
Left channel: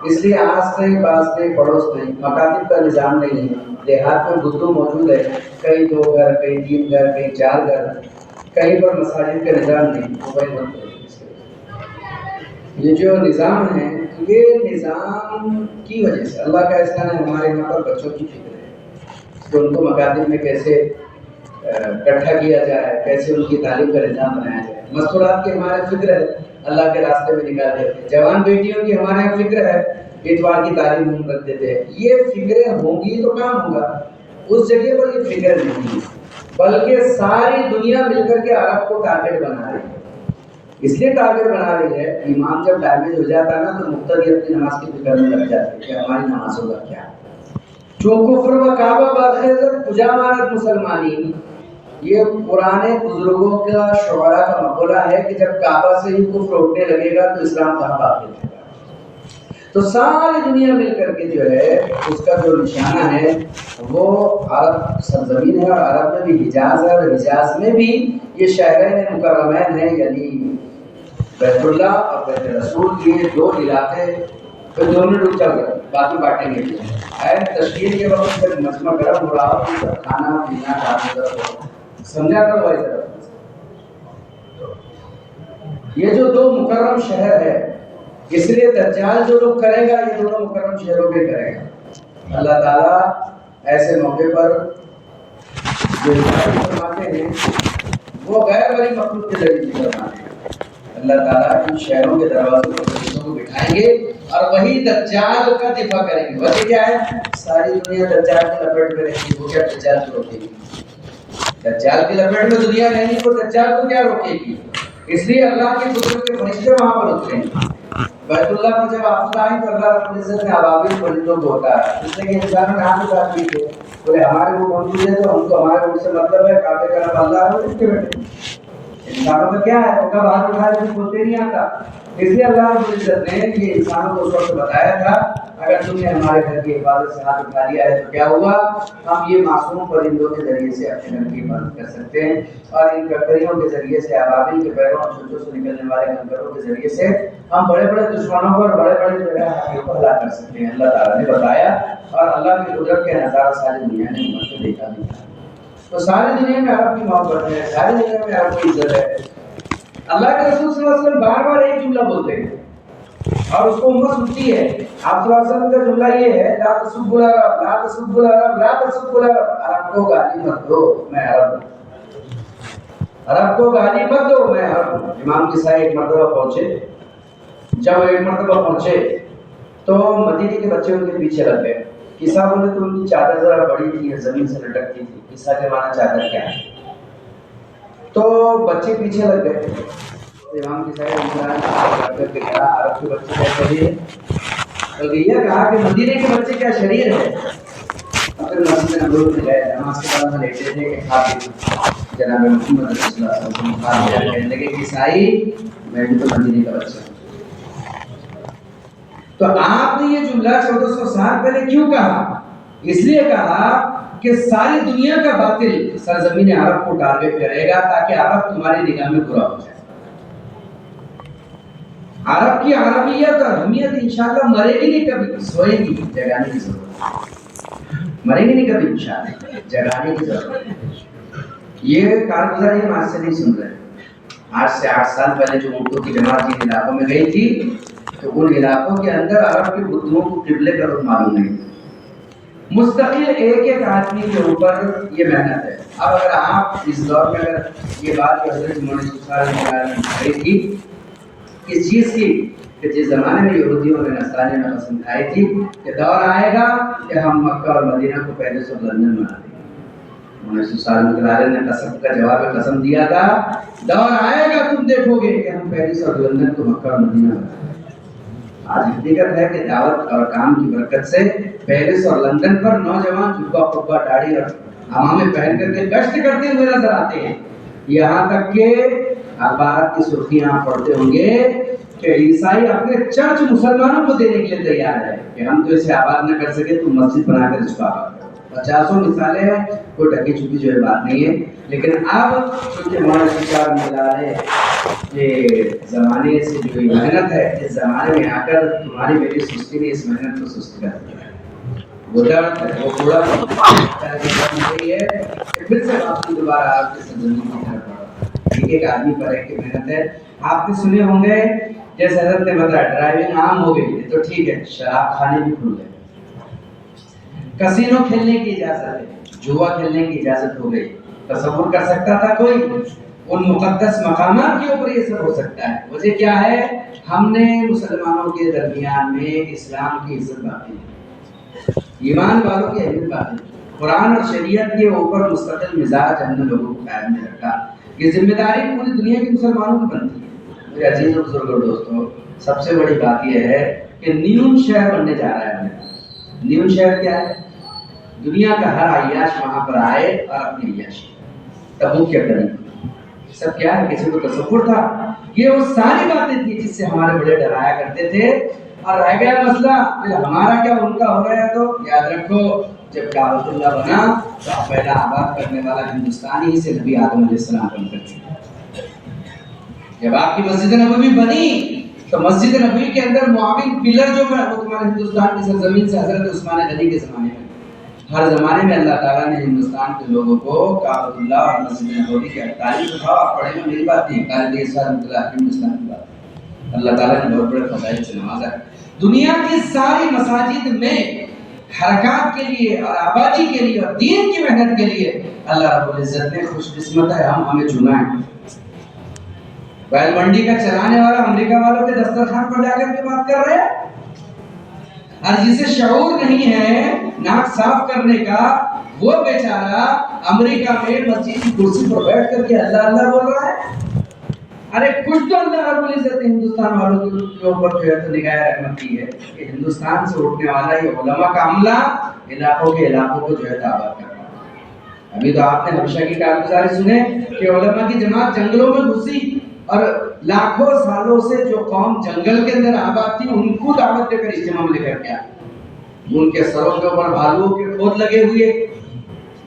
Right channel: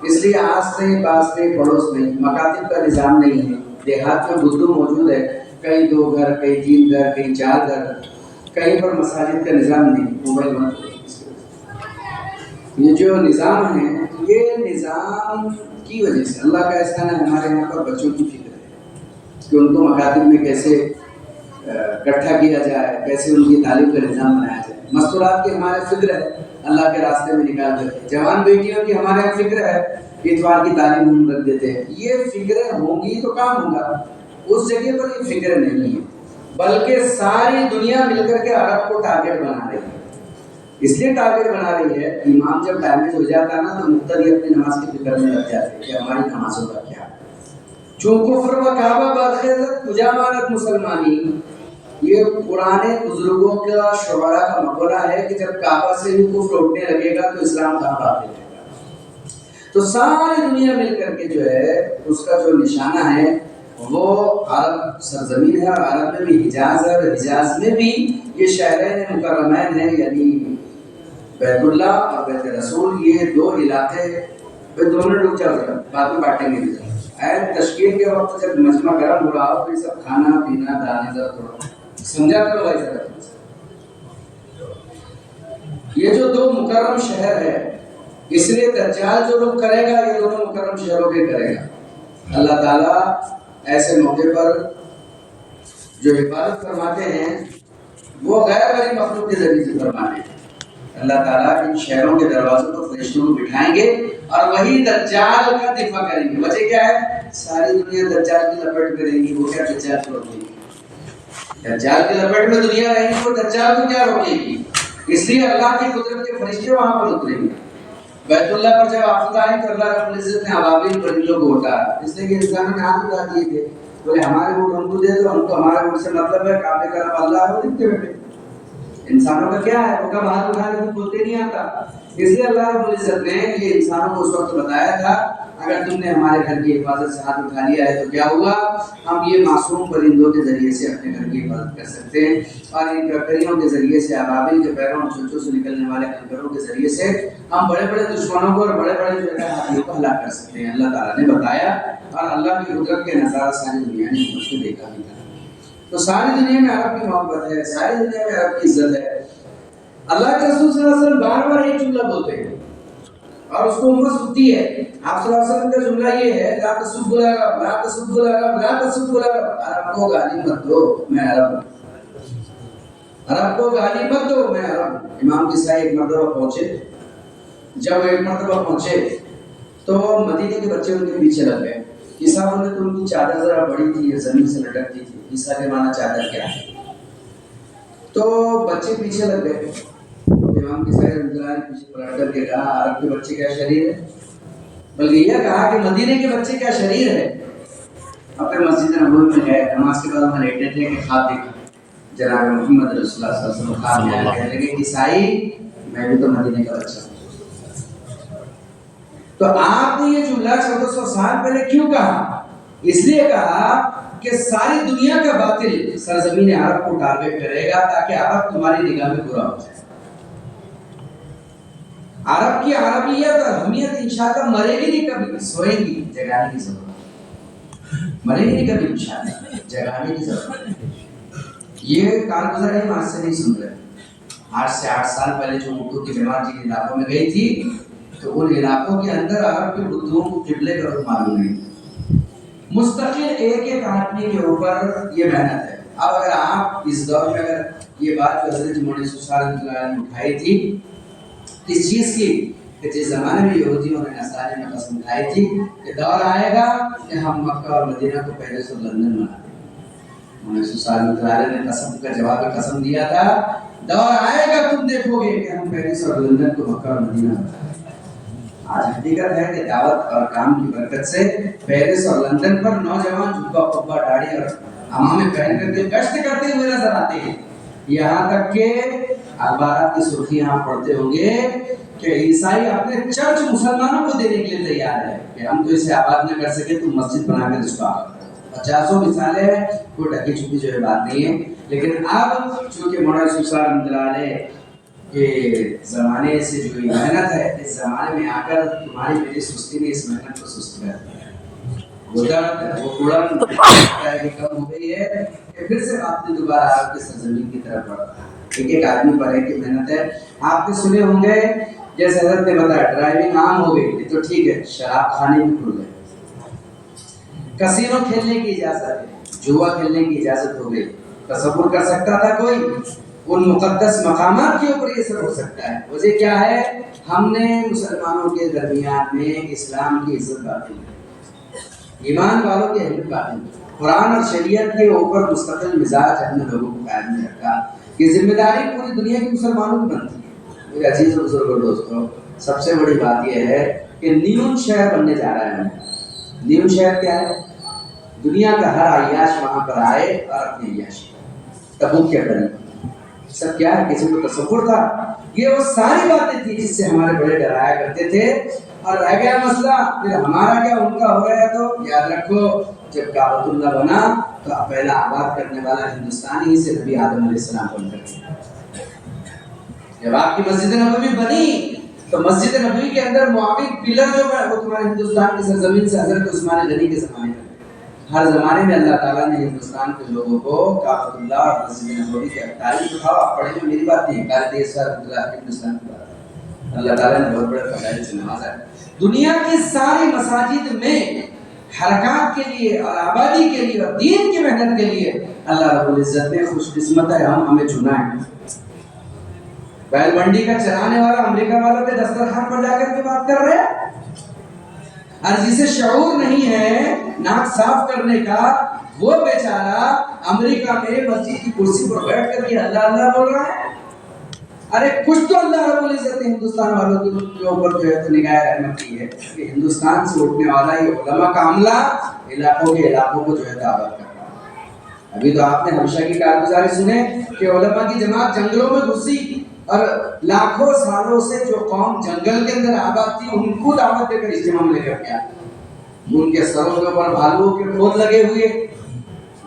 اس لیے آس نہیں پاس نہیں پڑوس نہیں، مکاتب کا نظام نہیں ہے، دیہات میں بدو موجود ہے، کہیں 2 گھر کہیں 3 گھر کہیں 4 گھر، کہیں پر مساجد کا نظام نہیں، موبائل بند ہو۔ یہ جو نظام ہے یہ نظام کی وجہ سے اللہ کا احسان ہے، ہمارے یہاں پر بچوں کی فکر ہے کہ ان کو مکاتب میں کیسے اکٹھا کیا جائے، کیسے ان کی تعلیم کا نظام بنایا جائے۔ مستورات کی ہمارے فکر ہے اللہ کے راستے میں نکال دیتے، جوان بیٹیوں کی ہمارے یہاں فکر ہے اتوار کی تعلیم ہم رکھ دیتے ہیں۔ یہ فکریں ہوں گی تو کام ہوگا، اس جگہ پر یہ فکر نہیں ہے، بلکہ ساری دنیا مل کر کے عرب کو ٹارگٹ بنا رہی ہے۔ اس لیے ٹارگٹ بنا رہی ہے، امام جب ڈیمیج ہو جاتا ہے نا تو مقتدی اپنی نماز کی فکر میں لگ جاتے ہیں کہ ہماری نمازوں کا کیا، چون کفر و کعبہ باخذت کجا مانت مسلمانی۔ یہ پرانے بزرگوں کا شعراء کا مقولہ ہے کہ جب کعبہ سے ہی کفر اٹھنے لگے گا تو اسلام کہاں باقی رہے گا۔ تو ساری دنیا مل کر کے جو ہے اس کا جو نشانہ ہے وہ عرب سرزمین ہے، اور عرب میں بھی حجاز ہے، اور حجاز میں بھی یہ شہرین مکرمین ہیں، یعنی بیت اللہ اور بیت رسول، یہ دو علاقے دونوں لوگ چل رہے ہیں، بعد میں بانٹیں گے۔ عین تشکیل کے وقت جب مجمع گرم ہو رہا ہو تو سب کھانا پینا ڈالنا سمجھا کر بھائی ذرا، یہ جو دو مکرم شہر ہے، اس لیے دجال جو لوگ کرے گا یہ دونوں مکرم شہروں کے کرے گا۔ اللہ تعالیٰ ایسے موقع پر جو ہدایت فرماتے ہیں وہ غیر بری مخلوق کے ذریعے سے فرماتے ہیں۔ اللہ تعالیٰ ان شہروں کے دروازوں پر فرشتوں کو بٹھائیں گے اور وہی دجال کا دفاع کریں گے۔ وجہ کیا ہے؟ ساری دنیا دجال کی لپیٹ میں رہیں گی، وہ کیا دجال کو روکے گی؟ دجال کی لپیٹ میں دنیا رہیں گی، وہ دجال کو کیا روکے گی؟ اس لیے اللہ کی قدرت کے فرشتے وہاں پر اتریں گے۔ بیت اللہ پر جب آفت آئی تو اللہ رب العزت نے ابابیل پرندوں کو اتارا، اس لیے کہ انسانوں نے ہاتھ اٹھا دیے تھے، بولے ہمارے ووٹ ہم کو دے دو، ہم کو ہمارے ووٹ سے مطلب ہے، کعبے کا رب اللہ ہے، دیکھتے بیٹھے انسانوں کا کیا ہے، وہ کا ہاتھ اٹھا کے بولتے نہیں آتا۔ اس لیے اللہ رب العزت نے یہ انسانوں کو اس وقت بتایا تھا اگر تم نے ہمارے گھر کی حفاظت سے ہاتھ اٹھا لیا ہے تو کیا ہوگا، ہم یہ معصوم پرندوں کے ذریعے سے اپنے گھر کی حفاظت کر سکتے ہیں، اور ان ککریوں کے ذریعے سے، ابابیل کے پیروں اور چونچوں سے نکلنے والے کنکروں کے ذریعے سے ہم بڑے بڑے دشمنوں کو اور بڑے بڑے جو ہے ہاتھیوں کو ہلاک کر سکتے ہیں۔ اللہ تعالیٰ نے بتایا، اور اللہ کی قدرت کے نظارہ ساری دنیا نے امت میں دیکھا بھی تھا۔ تو ساری دنیا میں عرب کی محبت ہے، ساری دنیا میں عرب کی عزت ہے۔ اللہ کے رسول صلی اللہ علیہ وسلم بار بار ایک جملہ بولتے ہیں اور اس کو امت سنتی ہے۔ آپ صلی اللہ علیہ وسلم کا جملہ یہ ہے، لا تسبوا العرب، لا تسبوا العرب، لا تسبوا العرب۔ عرب کو گالی مت دو، میں عرب ہوں۔ عرب کو گالی مت دو، میں عرب ہوں۔ امام کسائی ایک مرتبہ پہنچے، جب ایک مرتبہ پہنچے تو مدینے کے بچے ان کے پیچھے لگ گئے۔ کسا بولے تو ان کی چادر ذرا بڑی تھی، زمین سے لٹکتی تھی۔ کسا کے معنی چادر کیا ہے؟ تو بچے پیچھے لگ گئے۔ امام کی سائڈ کر کے کہا عرب کے بچے کیا شریر ہے؟ بلکہ یہ کہا کہ مدینے کے بچے کیا شریر ہے؟ اپنے مسجد نبوی میں گئے، نماز کے بعد میں لیٹے تھے کہ خاطب جناب محمد رسول اللہ صلی اللہ علیہ وسلم خاطب کہنے لگے عیسائی میں بھی تو مدینے کا بچہ ہوں۔ تو آپ نے یہ جملہ 1400 سال پہلے کیوں کہا؟ اس لیے کہا کہ ساری دنیا کا باطل سرزمین عرب کو ٹارگٹ کرے گا تاکہ عرب تمہاری نگاہ میں برا ہو جائے۔ عرب کی عربیت اور اہمیت انشاءاللہ مرے گی نہیں کبھی، سوئے گی، جگانے کی ضرورت ہے۔ مرے گی نہیں کبھی انشاءاللہ، جگانے کی ضرورت ہے۔ یہ کارگزار ہم آج سے نہیں سن رہے، آج سے 8 سال پہلے جو اردو کی جماعت جن علاقوں میں گئی تھی تو ان علاقوں کے اندر عرب کے بدھوں کو قبلے کا رخ معلوم نہیں۔ مستقل ایک ایک آدمی کے اوپر یہ محنت ہے۔ اب اگر آپ اس دور میں اگر یہ بات جو حضرت مولانا سسال نے کہی تھی کس چیز کی، کہ جس زمانے میں یہودیوں اور نصرانیوں نے قسم کھائی تھی کہ دور آئے گا کہ ہم مکہ اور مدینہ کو پیرس اور لندن بنا دیں گے، مولانا سسال نے قسم کا جواب قسم دیا تھا، دور آئے گا تم دیکھو گے کہ ہم پیرس اور لندن کو مکہ اور مدینہ بنا دیں گے۔ آج حقیقت ہے کہ دعوت اور کام کی برکت سے پیرس اور لندن پر نوجوان جھبا قبا داڑھی اور عمامے پہن کر کے گشت کرتے ہوئے نظر آتے ہیں، یہاں تک کہ اخبارات کی سرخیاں آپ پڑھتے ہوں گے کہ عیسائی اپنے چرچ مسلمانوں کو دینے کے لیے تیار ہے کہ ہم تو اسے آباد نہ کر سکے تو مسجد بنا کر اس کو آباد کرو۔ 50 مثالیں ہیں، کوئی ڈھکی چھپی جو ہے بات نہیں ہے۔ لیکن اب چونکہ مولانا سسال مدلالے کے زمانے سے جو محنت ہے، اس زمانے میں آ کر تمہاری میری سستی نے اس محنت کو سست کر دیا ہے۔ وہ درد ہے، وہ کوڑا ہے کہ پھر سے آپ دوبارہ آپ کی سرزمین کی طرف بڑھا ایک ایک آدمی پر ہے کہ محنت ہے۔ آپ نے سنے ہوں گے جیسے حضرت نے بتایا ڈرائیونگ عام ہو گئی، یہ تو ٹھیک ہے، شراب کھانے بھی کھل گئے، کسینو کھیلنے کی اجازت ہے، جوا کھیلنے کی اجازت ہو گئی۔ تصور کر سکتا تھا کوئی ان مقدس مقامات کے اوپر یہ سب ہو سکتا ہے؟ وجہ کیا ہے؟ ہم نے مسلمانوں کے درمیان میں اسلام کی عزت باقی ہے، ایمان والوں کی اہمیت باقی ہے، قرآن اور شریعت کے اوپر مستقل مزاج ہم نے لوگوں کو قائم نہیں رکھا۔ یہ ذمہ داری پوری دنیا کے مسلمانوں کی بنتی ہے۔ میرے عزیز و بزرگ اور دوستوں، سب سے بڑی بات یہ ہے کہ نیون شہر بننے جا رہا ہے۔ نیون شہر کیا ہے؟ دنیا کا ہر عیاش وہاں پر آئے اور اپنی عیاشی تبوک کے کریں۔ سب کیا ہے؟ کسی کو تصور تھا؟ یہ وہ ساری باتیں تھی جس سے ہمارے بڑے ڈرایا کرتے تھے اور رہ گیا مسئلہ پھر ہمارا کیا ان کا ہو رہا ہے، تو یاد رکھو جب کعبۃ اللہ بنا تو پہلا آباد کرنے والا ہندوستانی ہی سے نبی آدم علیہ السلام بن کر کے، جب آپ کی مسجد نبوی بنی تو مسجد نبوی کے اندر معاون پلر جو ہے وہ تمہارے ہندوستان کی سرزمین سے حضرت عثمان غنی کے زمانے میں، ہر زمانے میں اللہ تعالیٰ نے ہندوستان کے لوگوں کو کعبۃ اللہ اور مسجد نبوی کی تعریف اٹھاؤ، پڑھے میں میری بات نہیں، قائد اسلام ہندوستان کی بات ہے، اللہ تعالیٰ نے بہت بڑے فضائل سے نوازا ہے۔ دنیا کی ساری مساجد میں حرکات کے لیے اور آبادی کے لیے اور دین کی محنت کے لیے اللہ رب العزت نے خوش قسمت ہے ہمیں چنا ہے۔ بیل منڈی کا چلانے والا امریکہ والوں کے دسترخوان پر جا کر کے بات کر رہے ہیں، اور جسے شعور نہیں ہے ناک صاف کرنے کا، وہ بیچارہ امریکہ میں مسجد کی کرسی پر بیٹھ کر کے اللہ اللہ بول رہا ہے۔ ارے کچھ تو اللہ رب العزت نے ہندوستان والوں کے اوپر جو ہے تو نگاہ رحمت کی ہے کہ ہندوستان سے اٹھنے والا یہ علماء کا عملہ علاقوں کے علاقوں کو جو ہے آباد کر رہا ہے۔ ابھی تو آپ نے ہمیشہ کی کارگزاری سنے کہ علماء کی جماعت جنگلوں میں گھسی اور لاکھوں سالوں سے جو قوم جنگل کے اندر آباد تھی ان کو دعوت دے کر اجتماع میں لے کر گیا، ان کے سروں کے اوپر بھالو کے کھود لگے ہوئے،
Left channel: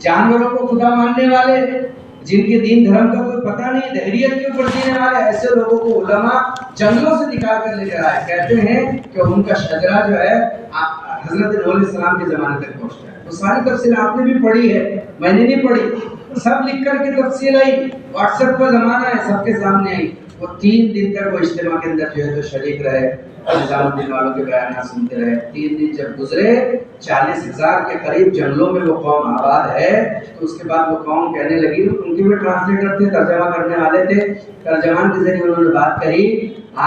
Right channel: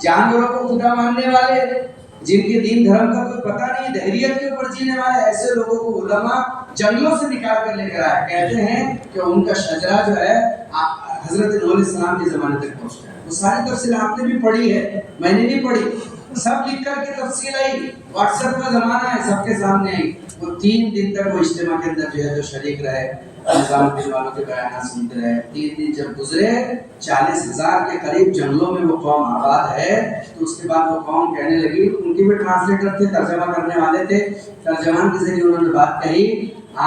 جانوروں کو خدا ماننے والے، جن کے دین دھرم کا کوئی پتہ نہیں، دہریت کے اوپر جینے والے، ایسے لوگوں کو علماء جنگلوں سے نکال کر لے کر آئے۔ کہتے ہیں کہ ان کا شجرہ جو ہے حضرت نوح علیہ السلام کے زمانے تک پہنچ گیا۔ وہ ساری تفصیل آپ نے بھی پڑھی ہے، میں نے نہیں پڑھی، سب لکھ کر کے تفصیل آئی، واٹس ایپ کا زمانہ ہے، سب کے سامنے آئی۔ وہ 3 دن تک وہ اجتماع کے اندر جو ہے تو شریک رہے، نظام الدین والوں کے بیانات سنتے رہے۔ 3 دن جب گزرے، 40,000 کے قریب جنگلوں میں وہ قوم آباد ہے، تو اس کے بعد وہ قوم کہنے لگی، ان کے بھی ٹرانسلیٹر تھے، ترجمہ کرنے والے تھے، ترجمان کے ذریعے انہوں نے بات کہی،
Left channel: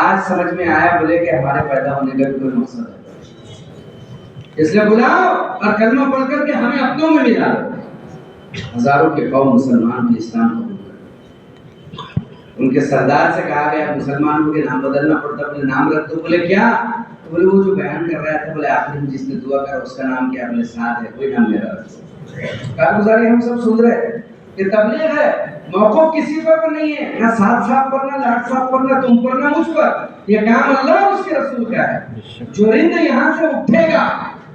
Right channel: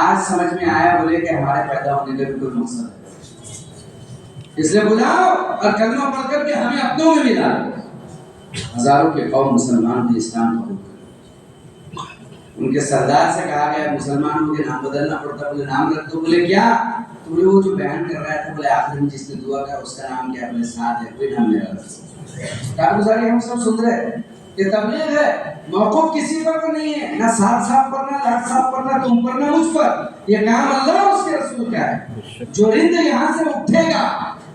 آج سمجھ میں آیا، بولے کہ ہمارے پیدا ہونے کا بھی کوئی مقصد ہے، اس لیے بلاؤ اور کلمہ پڑھ کر کے ہمیں اپنوں میں ملا۔ ہزاروں کے قوم مسلمان بھی اسلام قبول کر، ان کے سردار سے کہا گیا مسلمانوں کے نام بدلنا پڑتا، بولے نام رکھ دو، بولے کیا؟ تو بولے وہ جو بیان کر رہا تھا، بولے آخری میں جس نے دعا کر اس کا نام کیا؟ بولے سعد ہے، کوئی نام میرا رکھ۔ کارگزاری ہم سب سن رہے ہیں، یہ تبلیغ ہے، موقف کسی پر نہیں ہے، نہ سعد صاحب پر، نہ لاٹ صاحب پر، نہ تم پر، نہ مجھ پر، یہ کام اللہ اور اس کے رسول کا ہے۔ جو رند یہاں سے اٹھے گا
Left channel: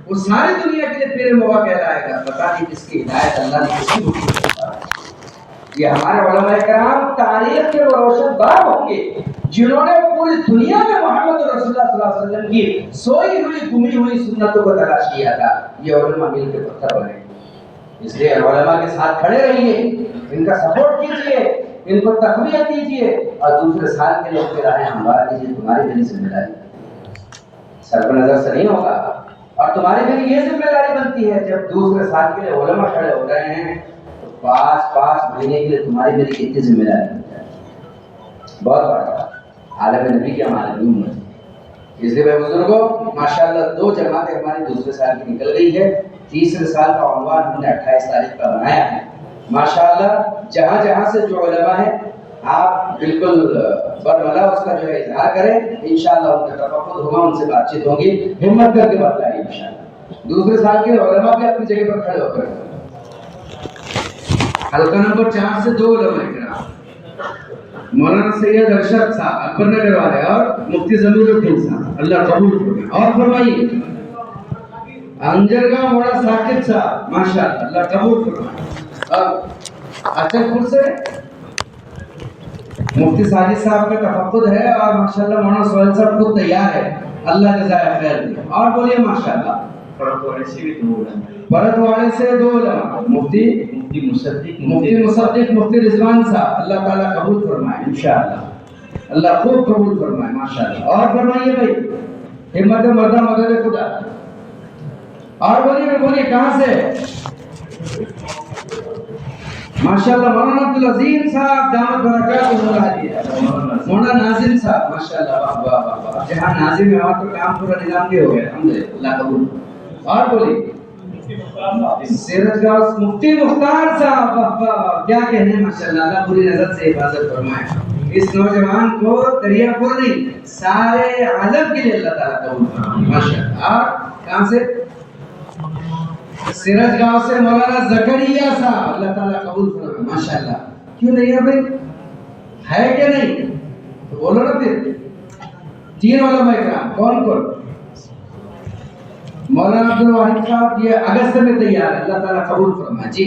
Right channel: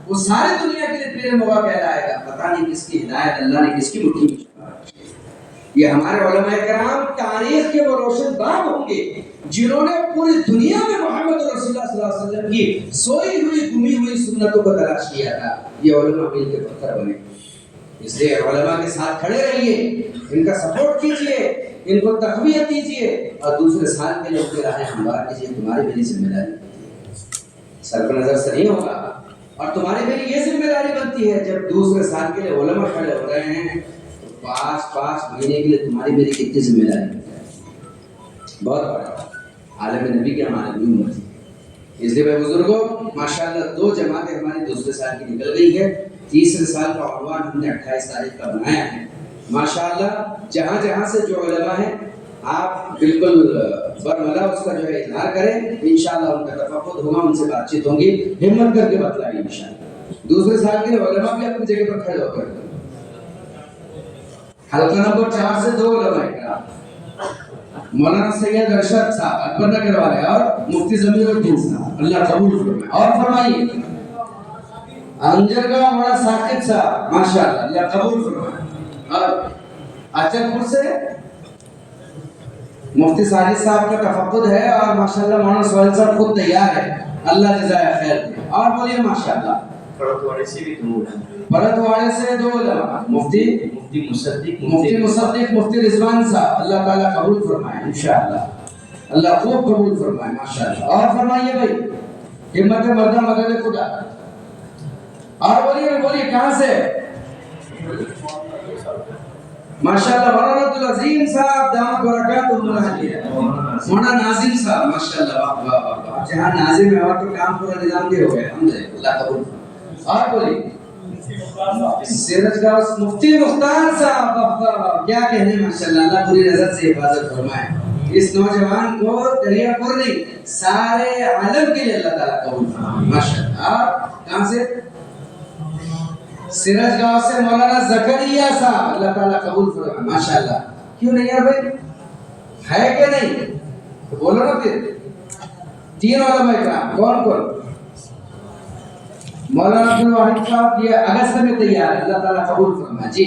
وہ ساری دنیا کے لیے تیرے موقع کہلائے گا، پتہ نہیں کس کی ہدایت اللہ نے کس کی مٹھی میں چھپا ہے۔ یہ ہمارے علماء کرام تاریخ کے وہ روشن باغ ہوں گے جنہوں نے پوری دنیا میں محمد رسول اللہ صلی اللہ علیہ وسلم کی سوئی ہوئی گمی ہوئی سنتوں کو تلاش کیا تھا۔ یہ علماء مل کے پتھر بنے، اس لیے علماء کے ساتھ کھڑے رہیے، ان کا سپورٹ کیجئے، ان کو تقویت دیجئے، اور دوسرے سال کے لوگ کے راہیں ہموار کیجئے۔ تمہاری میری ذمہ داری، سر پہ نظر سے نہیں ہوگا، اور تمہاری میری یہ ذمہ داری بنتی ہے جب دوسرے سال کے لیے علماء کھڑے ہو رہے ہیں، 5 مہینے کے لیے تمہاری میری کتنی ذمہ داری ہے، بہت بڑا۔ عالم نبی کی ہمارے بھی عمر تھی، اس لیے بھائی بزرگوں ماشاءاللہ 2 جماعتیں ہماری دوسرے سال کی نکل گئی ہے، تیسرے سال کا عنوان ہم نے 28 تاریخ کا بنایا ہے۔ ماشاءاللہ جہاں جہاں سے جو علماء ہیں آپ بالکل برملا اس کا جو ہے اظہار کریں، انشاءاللہ ان کا تفقد ہوگا، ان سے بات چیت ہوگی، ہمت کر کے بتلائیے انشاءاللہ۔ دوسرے سال کے علماء بھی اپنی جگہ پر کھڑے ہو کر، حلقہ نمبر 4 سے 2 علماء کرام، مولانا سید ارشد صاحب اکبر نگر والے اور مفتی ضمیر الدین صاحب، اللہ قبول فرمائے۔ اور فرمائیے انجرگاہ مولانا ثاقب صاحب، ماشاءاللہ اللہ قبول فرمائے۔ اور اچک پور سے مفتی ساجد صاحب کا تفقد ہے، اور ماشاءاللہ مولانا سہیل صاحب خود تیار ہے، اللہ جزائے خیر دے۔ اور بولیے ماشاءاللہ پرتواڑے سے بھی 2 علماء، پرتواڑے سے 2 علماء، مفتی مصدق مفتی رضوان صاحب، اللہ تعالیٰ قبول فرمائے انشاءاللہ، اللہ خوب قبول فرمائے ماشاءاللہ۔ اور فرمائیے بھائی ہمت مردہ مدد خدا، اور بولیے کہاں سے؟ ماشاءاللہ مولانا عبدالعظیم صاحب دامت برکاتہ، مولانا ناظم صاحب، ماشاءاللہ واہ واہ واہ واہ، جہاں ناظم ہے وہاں تو کام پورا نظام دے ہو گیا، الحمدللہ اللہ قبول۔ اور بولیے سیرج گاؤں مفتی مختار صاحب، واہ واہ واہ، کیا کہنے ماشاءاللہ، اللہ پوری نظر سے حفاظت فرمائے اس نوجوان کو، دریا پور نہیں سارے عالم کے لیے اللہ تعالیٰ قبول فرمائے ماشاءاللہ۔ اور کہاں سے؟ سیرج گاؤں سے مولانا زکریا صاحب، اللہ تعالیٰ قبول فرمائے ماشاءاللہ۔ کیوں نہیں یار بھائی، ہے کیا نہیں؟ بولو نا پھر۔ 3 علماء کرام، کون کون؟ مولانا عبد الواحد صاحب یہ اگست میں تیار ہے, اللہ تعالیٰ قبول فرمائے جی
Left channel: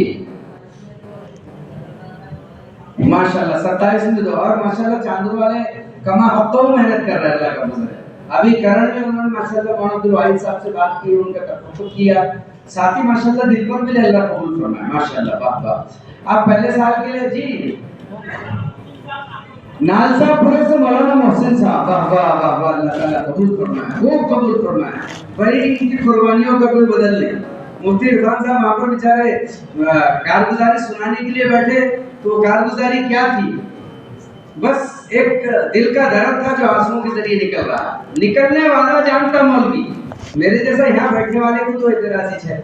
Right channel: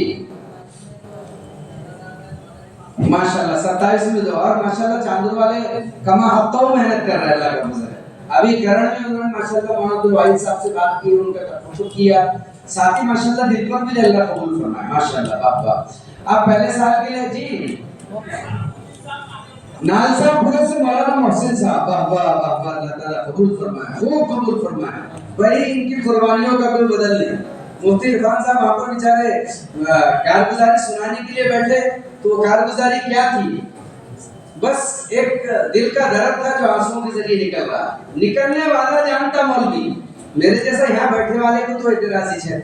ماشاءاللہ. 27 میں دو, اور ماشاءاللہ چاندور والے کما ہفتوں محنت کر رہے ہیں, اللہ کا فضل ہے. ابھی کرن میں انہوں نے ماشاءاللہ مولانا عبد الواحد صاحب سے بات کی, ان کا تفقد کیا, ساتھ ہی ماشاءاللہ دل پر بھی اللہ قبول فرمائے ماشاءاللہ. واہ واہ. آپ پہلے سال کے لیے جی نالسا پورے سے مولانا محسن صاحب, واہ واہ واہ واہ, اللہ تعالیٰ قبول فرمائے, وہ قبول فرمائے. بھائی ان کی قربانیوں کا کوئی بدل نہیں. مفتی عرفان صاحب آپ کو بیچارے کارگزاری سنانے کے لیے بیٹھے, تو کارگزاری کیا تھی؟ بس ایک دل کا درد تھا جو آنسوؤں کے ذریعے نکل رہا. نکلنے والا جانتا مولوی, میرے جیسا یہاں بیٹھنے والے کو تو اعتراضی ہے,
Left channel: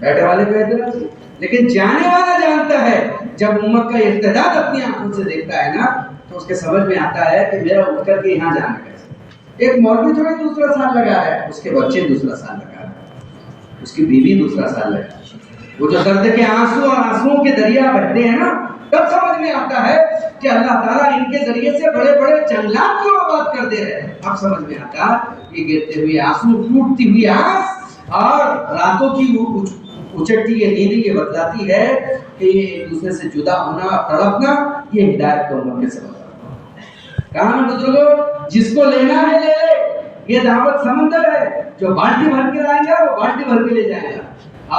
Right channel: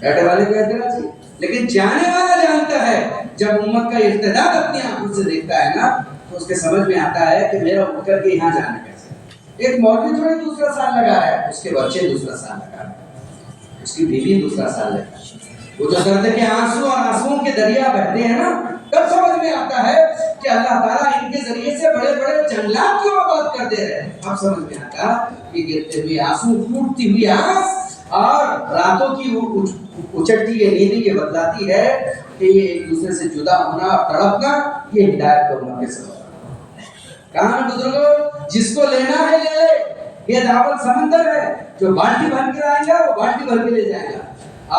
بیٹھنے والے کو اعتراضی, لیکن جانے والا جانتا ہے. جب امت کا ارتداد اپنی آنکھوں سے دیکھتا ہے نا, تو اس کے سمجھ میں آتا ہے کہ میرا اٹھ کر کے یہاں جانا کیسے. ایک مولوی تھوڑی دوسرا سال لگا ہے, اس کے بچے دوسرا سال لگا ہے, اس کی بیوی دوسرا سال لگا ہے. وہ جو درد کے آنسو اور آنسوؤں کے دریا بہتے ہیں نا, تب سمجھ میں آتا ہے کہ اللہ تعالیٰ ان کے ذریعے سے بڑے بڑے جنگلات کو آباد کر دے رہے ہیں. اب سمجھ میں آتا کہ گرتے ہوئے آنسو, ٹوٹتی ہوئی آنس, اور راتوں کی اچٹتی یہ نیندی یہ بتلاتی ہے کہ یہ ایک دوسرے سے جدا ہونا اور تڑپنا یہ ہدایت کو امت کے سبب. کہاں ہے بزرگوں, جس کو لینا ہے لے لے, یہ دعوت سمندر ہے. جو بالٹی بھر کے آئے گا وہ بالٹی بھر کے لے جائے گا,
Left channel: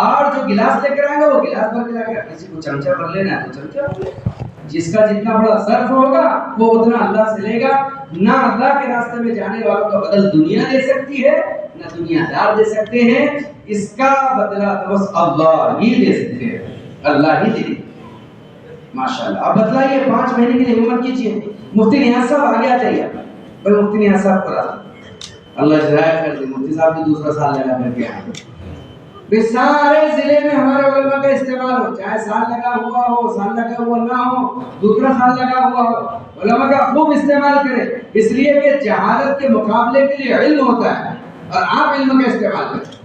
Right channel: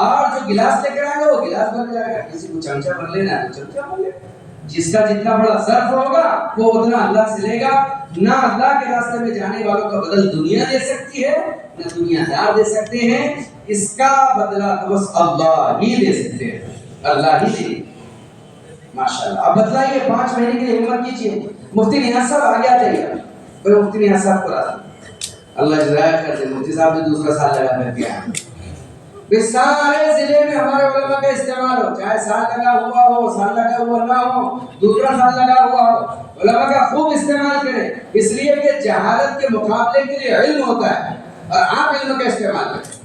اور جو گلاس لے کر آئے گا وہ گلاس بھر کے لائے گا. کسی کو چمچہ بھر لینا ہے تو چمچہ بھر لے گا. جس کا جتنا بڑا ظرف ہوگا وہ اتنا اللہ سے لے گا. نہ اللہ کے راستے میں جانے والوں کا بدل دنیا دے سکتی ہے, نہ دنیا دار دے سکتے ہیں. اس کا بدلہ تو بس اللہ ہی دے سکتے ہیں, اللہ ہی دے ماشاءاللہ. اب بتلائیے 5 مہینے کے لیے ہمت کیجیے. مفتی نیاز صاحب آ گیا چاہیے, کوئی مفتی نیاز صاحب کو راضی, اللہ جزائے کر دے. مفتی صاحب نے دوسرا سال لگا کر کے آئے. سارے ضلع میں ہمارے علماء کا استعمال ہو, چاہے سال لگا ہوا ہو, سال لگا ہوا نہ ہو, دوسرا سال لگا ہوا ہو, علماء کا خوب استعمال کریں. اس لیے کہ جہالت کے مقابلے کے لیے علم ہوتا ہے, اور آپ علم کا استعمال کریں.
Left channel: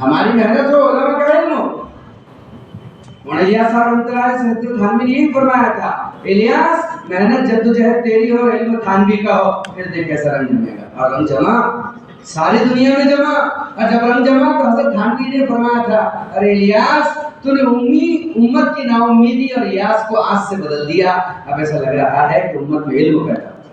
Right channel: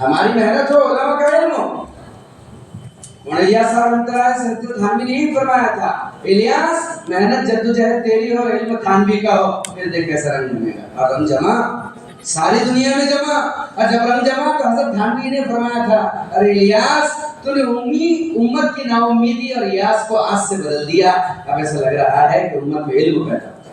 ہماری محنت ہو, علماء کا علم ہو. الیاس صاحب انتراج سے تھانوی نے یہی فرمایا تھا, الیاس محنت جدوجہد تیری ہو, علم تھانوی کا ہو, پھر دیکھ کیسا رنگ بنے گا. اور رنگ جمع ساری دنیا میں جمع. اور جب رنگ جمع تو حضرت تھانوی نے فرمایا تھا, ارے الیاس تو نے امت کی نا امیدی اور یاس کو آس سے بدل دیا. اب ایسا لگ رہا ہے کہ امت میں علم پیدا ہو.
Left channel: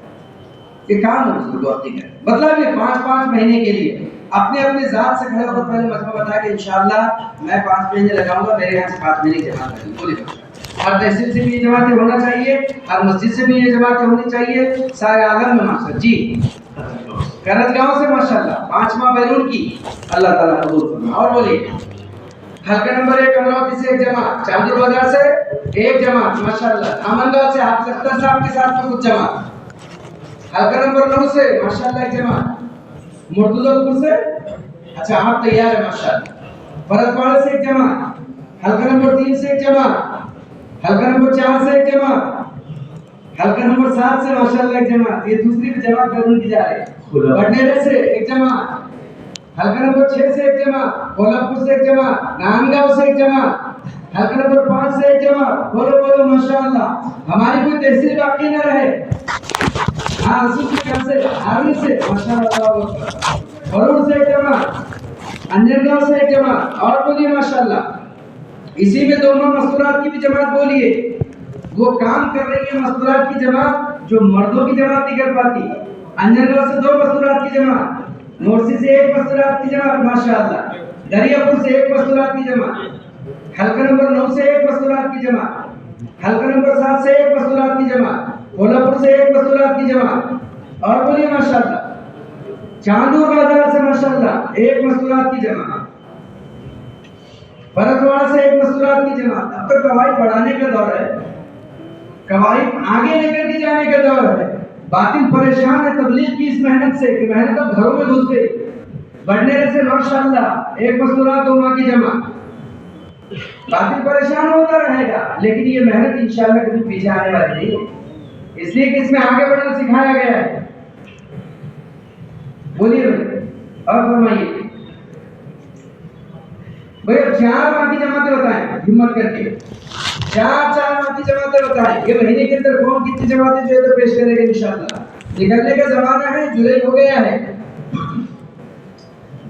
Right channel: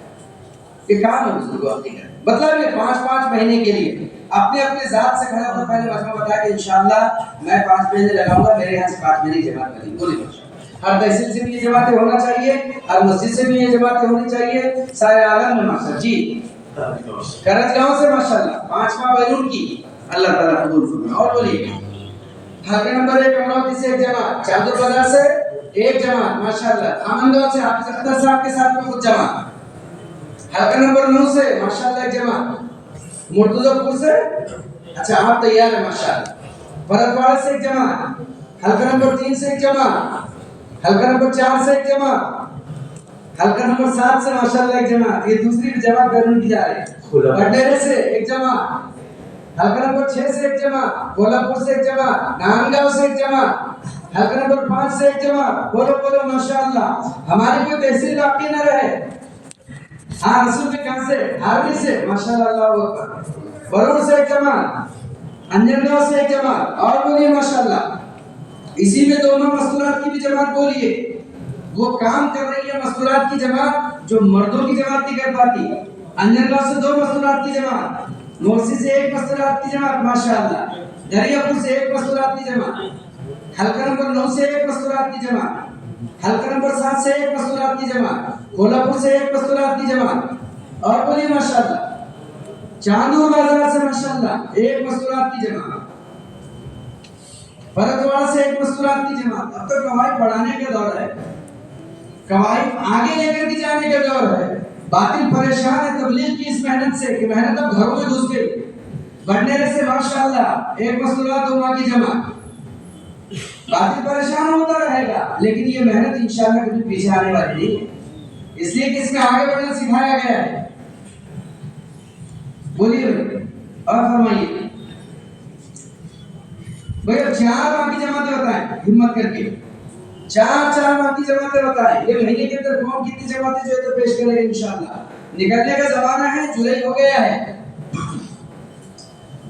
یہ کام ہے بزرگوں حقیقت. مطلب یہ 5 مہینے کے لیے اپنے اپنے ذات سے کھڑے ہو کر پہلے مجمع بتایا کہ انشاءاللہ میں 5 مہینے لگاؤں گا, میرے یہاں سے 5 مہینے کی جماعت کریں. بولیے ہر تحصیل سے بھی یہ جماعتیں ہونا چاہیے, ہر مسجد سے بھی یہ جماعتیں ہونی چاہیے, سارے عالم میں مقصد جی کرج گاؤں سے ماشاءاللہ 5واں بیرون کی, اللہ تعالیٰ قبول فرمائے. اور بولیے حلقہ نمبر 1 امراوتی سے ایک جماعت, چاندور بازار سے ایک جماعت ماشاءاللہ, دامن گاؤں سے حافظ اختر صاحب کے ساتھ میں کچھ جماعت, حلقہ نمبر 9 سے ماشاءاللہ ایک جماعت, مرتضی پور سے اچھا آپ تیار ہیں ماشاءاللہ, بھرتواڑہ سے ایک جماعت, حلقہ نمبر 3 سے ایک جماعت, حلقہ نمبر 4 سے ایک جماعت, حلقہ نمبر 7 سے ماشاءاللہ ایک جماعت. یہ دوسری بھی جماعت کرنے کی جا رہی ہے. بڈیرے سے ایک جماعت, حلقہ نمبر 6 سے ایک جماعت, کولہاپور سے ایک جماعت, ناندگاؤں سے ایک جماعت, حلقہ نمبر 5 سے ایک جماعت. بولو بولو ماشاءاللہ. ہماری کوئی تحصیل باقی نہ رہے. ہاں رسول کے گھر سے ہارمی سے ماشاءاللہ, اللہ اکبر. بھرور سے ایک جماعت, انجن گاؤں سے ایک جماعت. اور بولیے ماشاءاللہ. اسی میں 2 مستورات کی بھی جماعت بولیے. وہ کام کر رہی ہے مستورات کی جماعت جو مردوں کی جماعت نہیں کر پاتی. انجن گاؤں سے 2 مستورات کی جماعت, نورسی سے 1 مستورات کی جماعت ماشاءاللہ, دریا پور سے 1 مستورات کی جماعت, حلقہ نمبر 9 سے 1 مستورات کی جماعت, حلقہ نمبر 7 سے 1 مستورات کی جماعت, کولہاپور سے 1 مستورات کی جماعت. اور بولیے ماشاءاللہ. چاندور بازار سے ماشاءاللہ 1 مستورات کی جماعت, بھرتواڑہ سے 1 مستورات کی جماعت. اب تو قواعد بڑھانے کا دور ہے, قواعد آگے لے کر کے جانے کا دور ہے. باطل پریشان ہے تبلیغ کی اس محنت سے کہ محنت اب گھروں میں گھس گئی. بڈیرے سے ماشاءاللہ 1 مستورات 2 ماہ کی جماعت. باطل پریشان ہوتا رہے گا, لیکن یہ محنت انشاءاللہ کبھی پیچھے آنے والی نہیں ہے, اس لیے کہ اس میں آگے بڑھنا سکھایا گیا ہے. بولیے اور فرمائیے بھئی. اب 4 ماہ کی جماعتیں بتائیں ہمت کر کے, 4 ماہ کی جماعتیں بتائیں. یہ مہینے کے اندر کون کتنی جماعتیں جو ہے تو پیش کرے گا انشاءاللہ. نکلنے کا زمانہ ہے, جولائی ہو گیا ہے.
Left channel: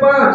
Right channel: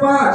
5,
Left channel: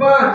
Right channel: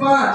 5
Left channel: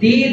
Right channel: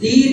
3,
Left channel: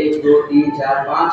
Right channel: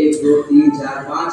1 2 3 4 5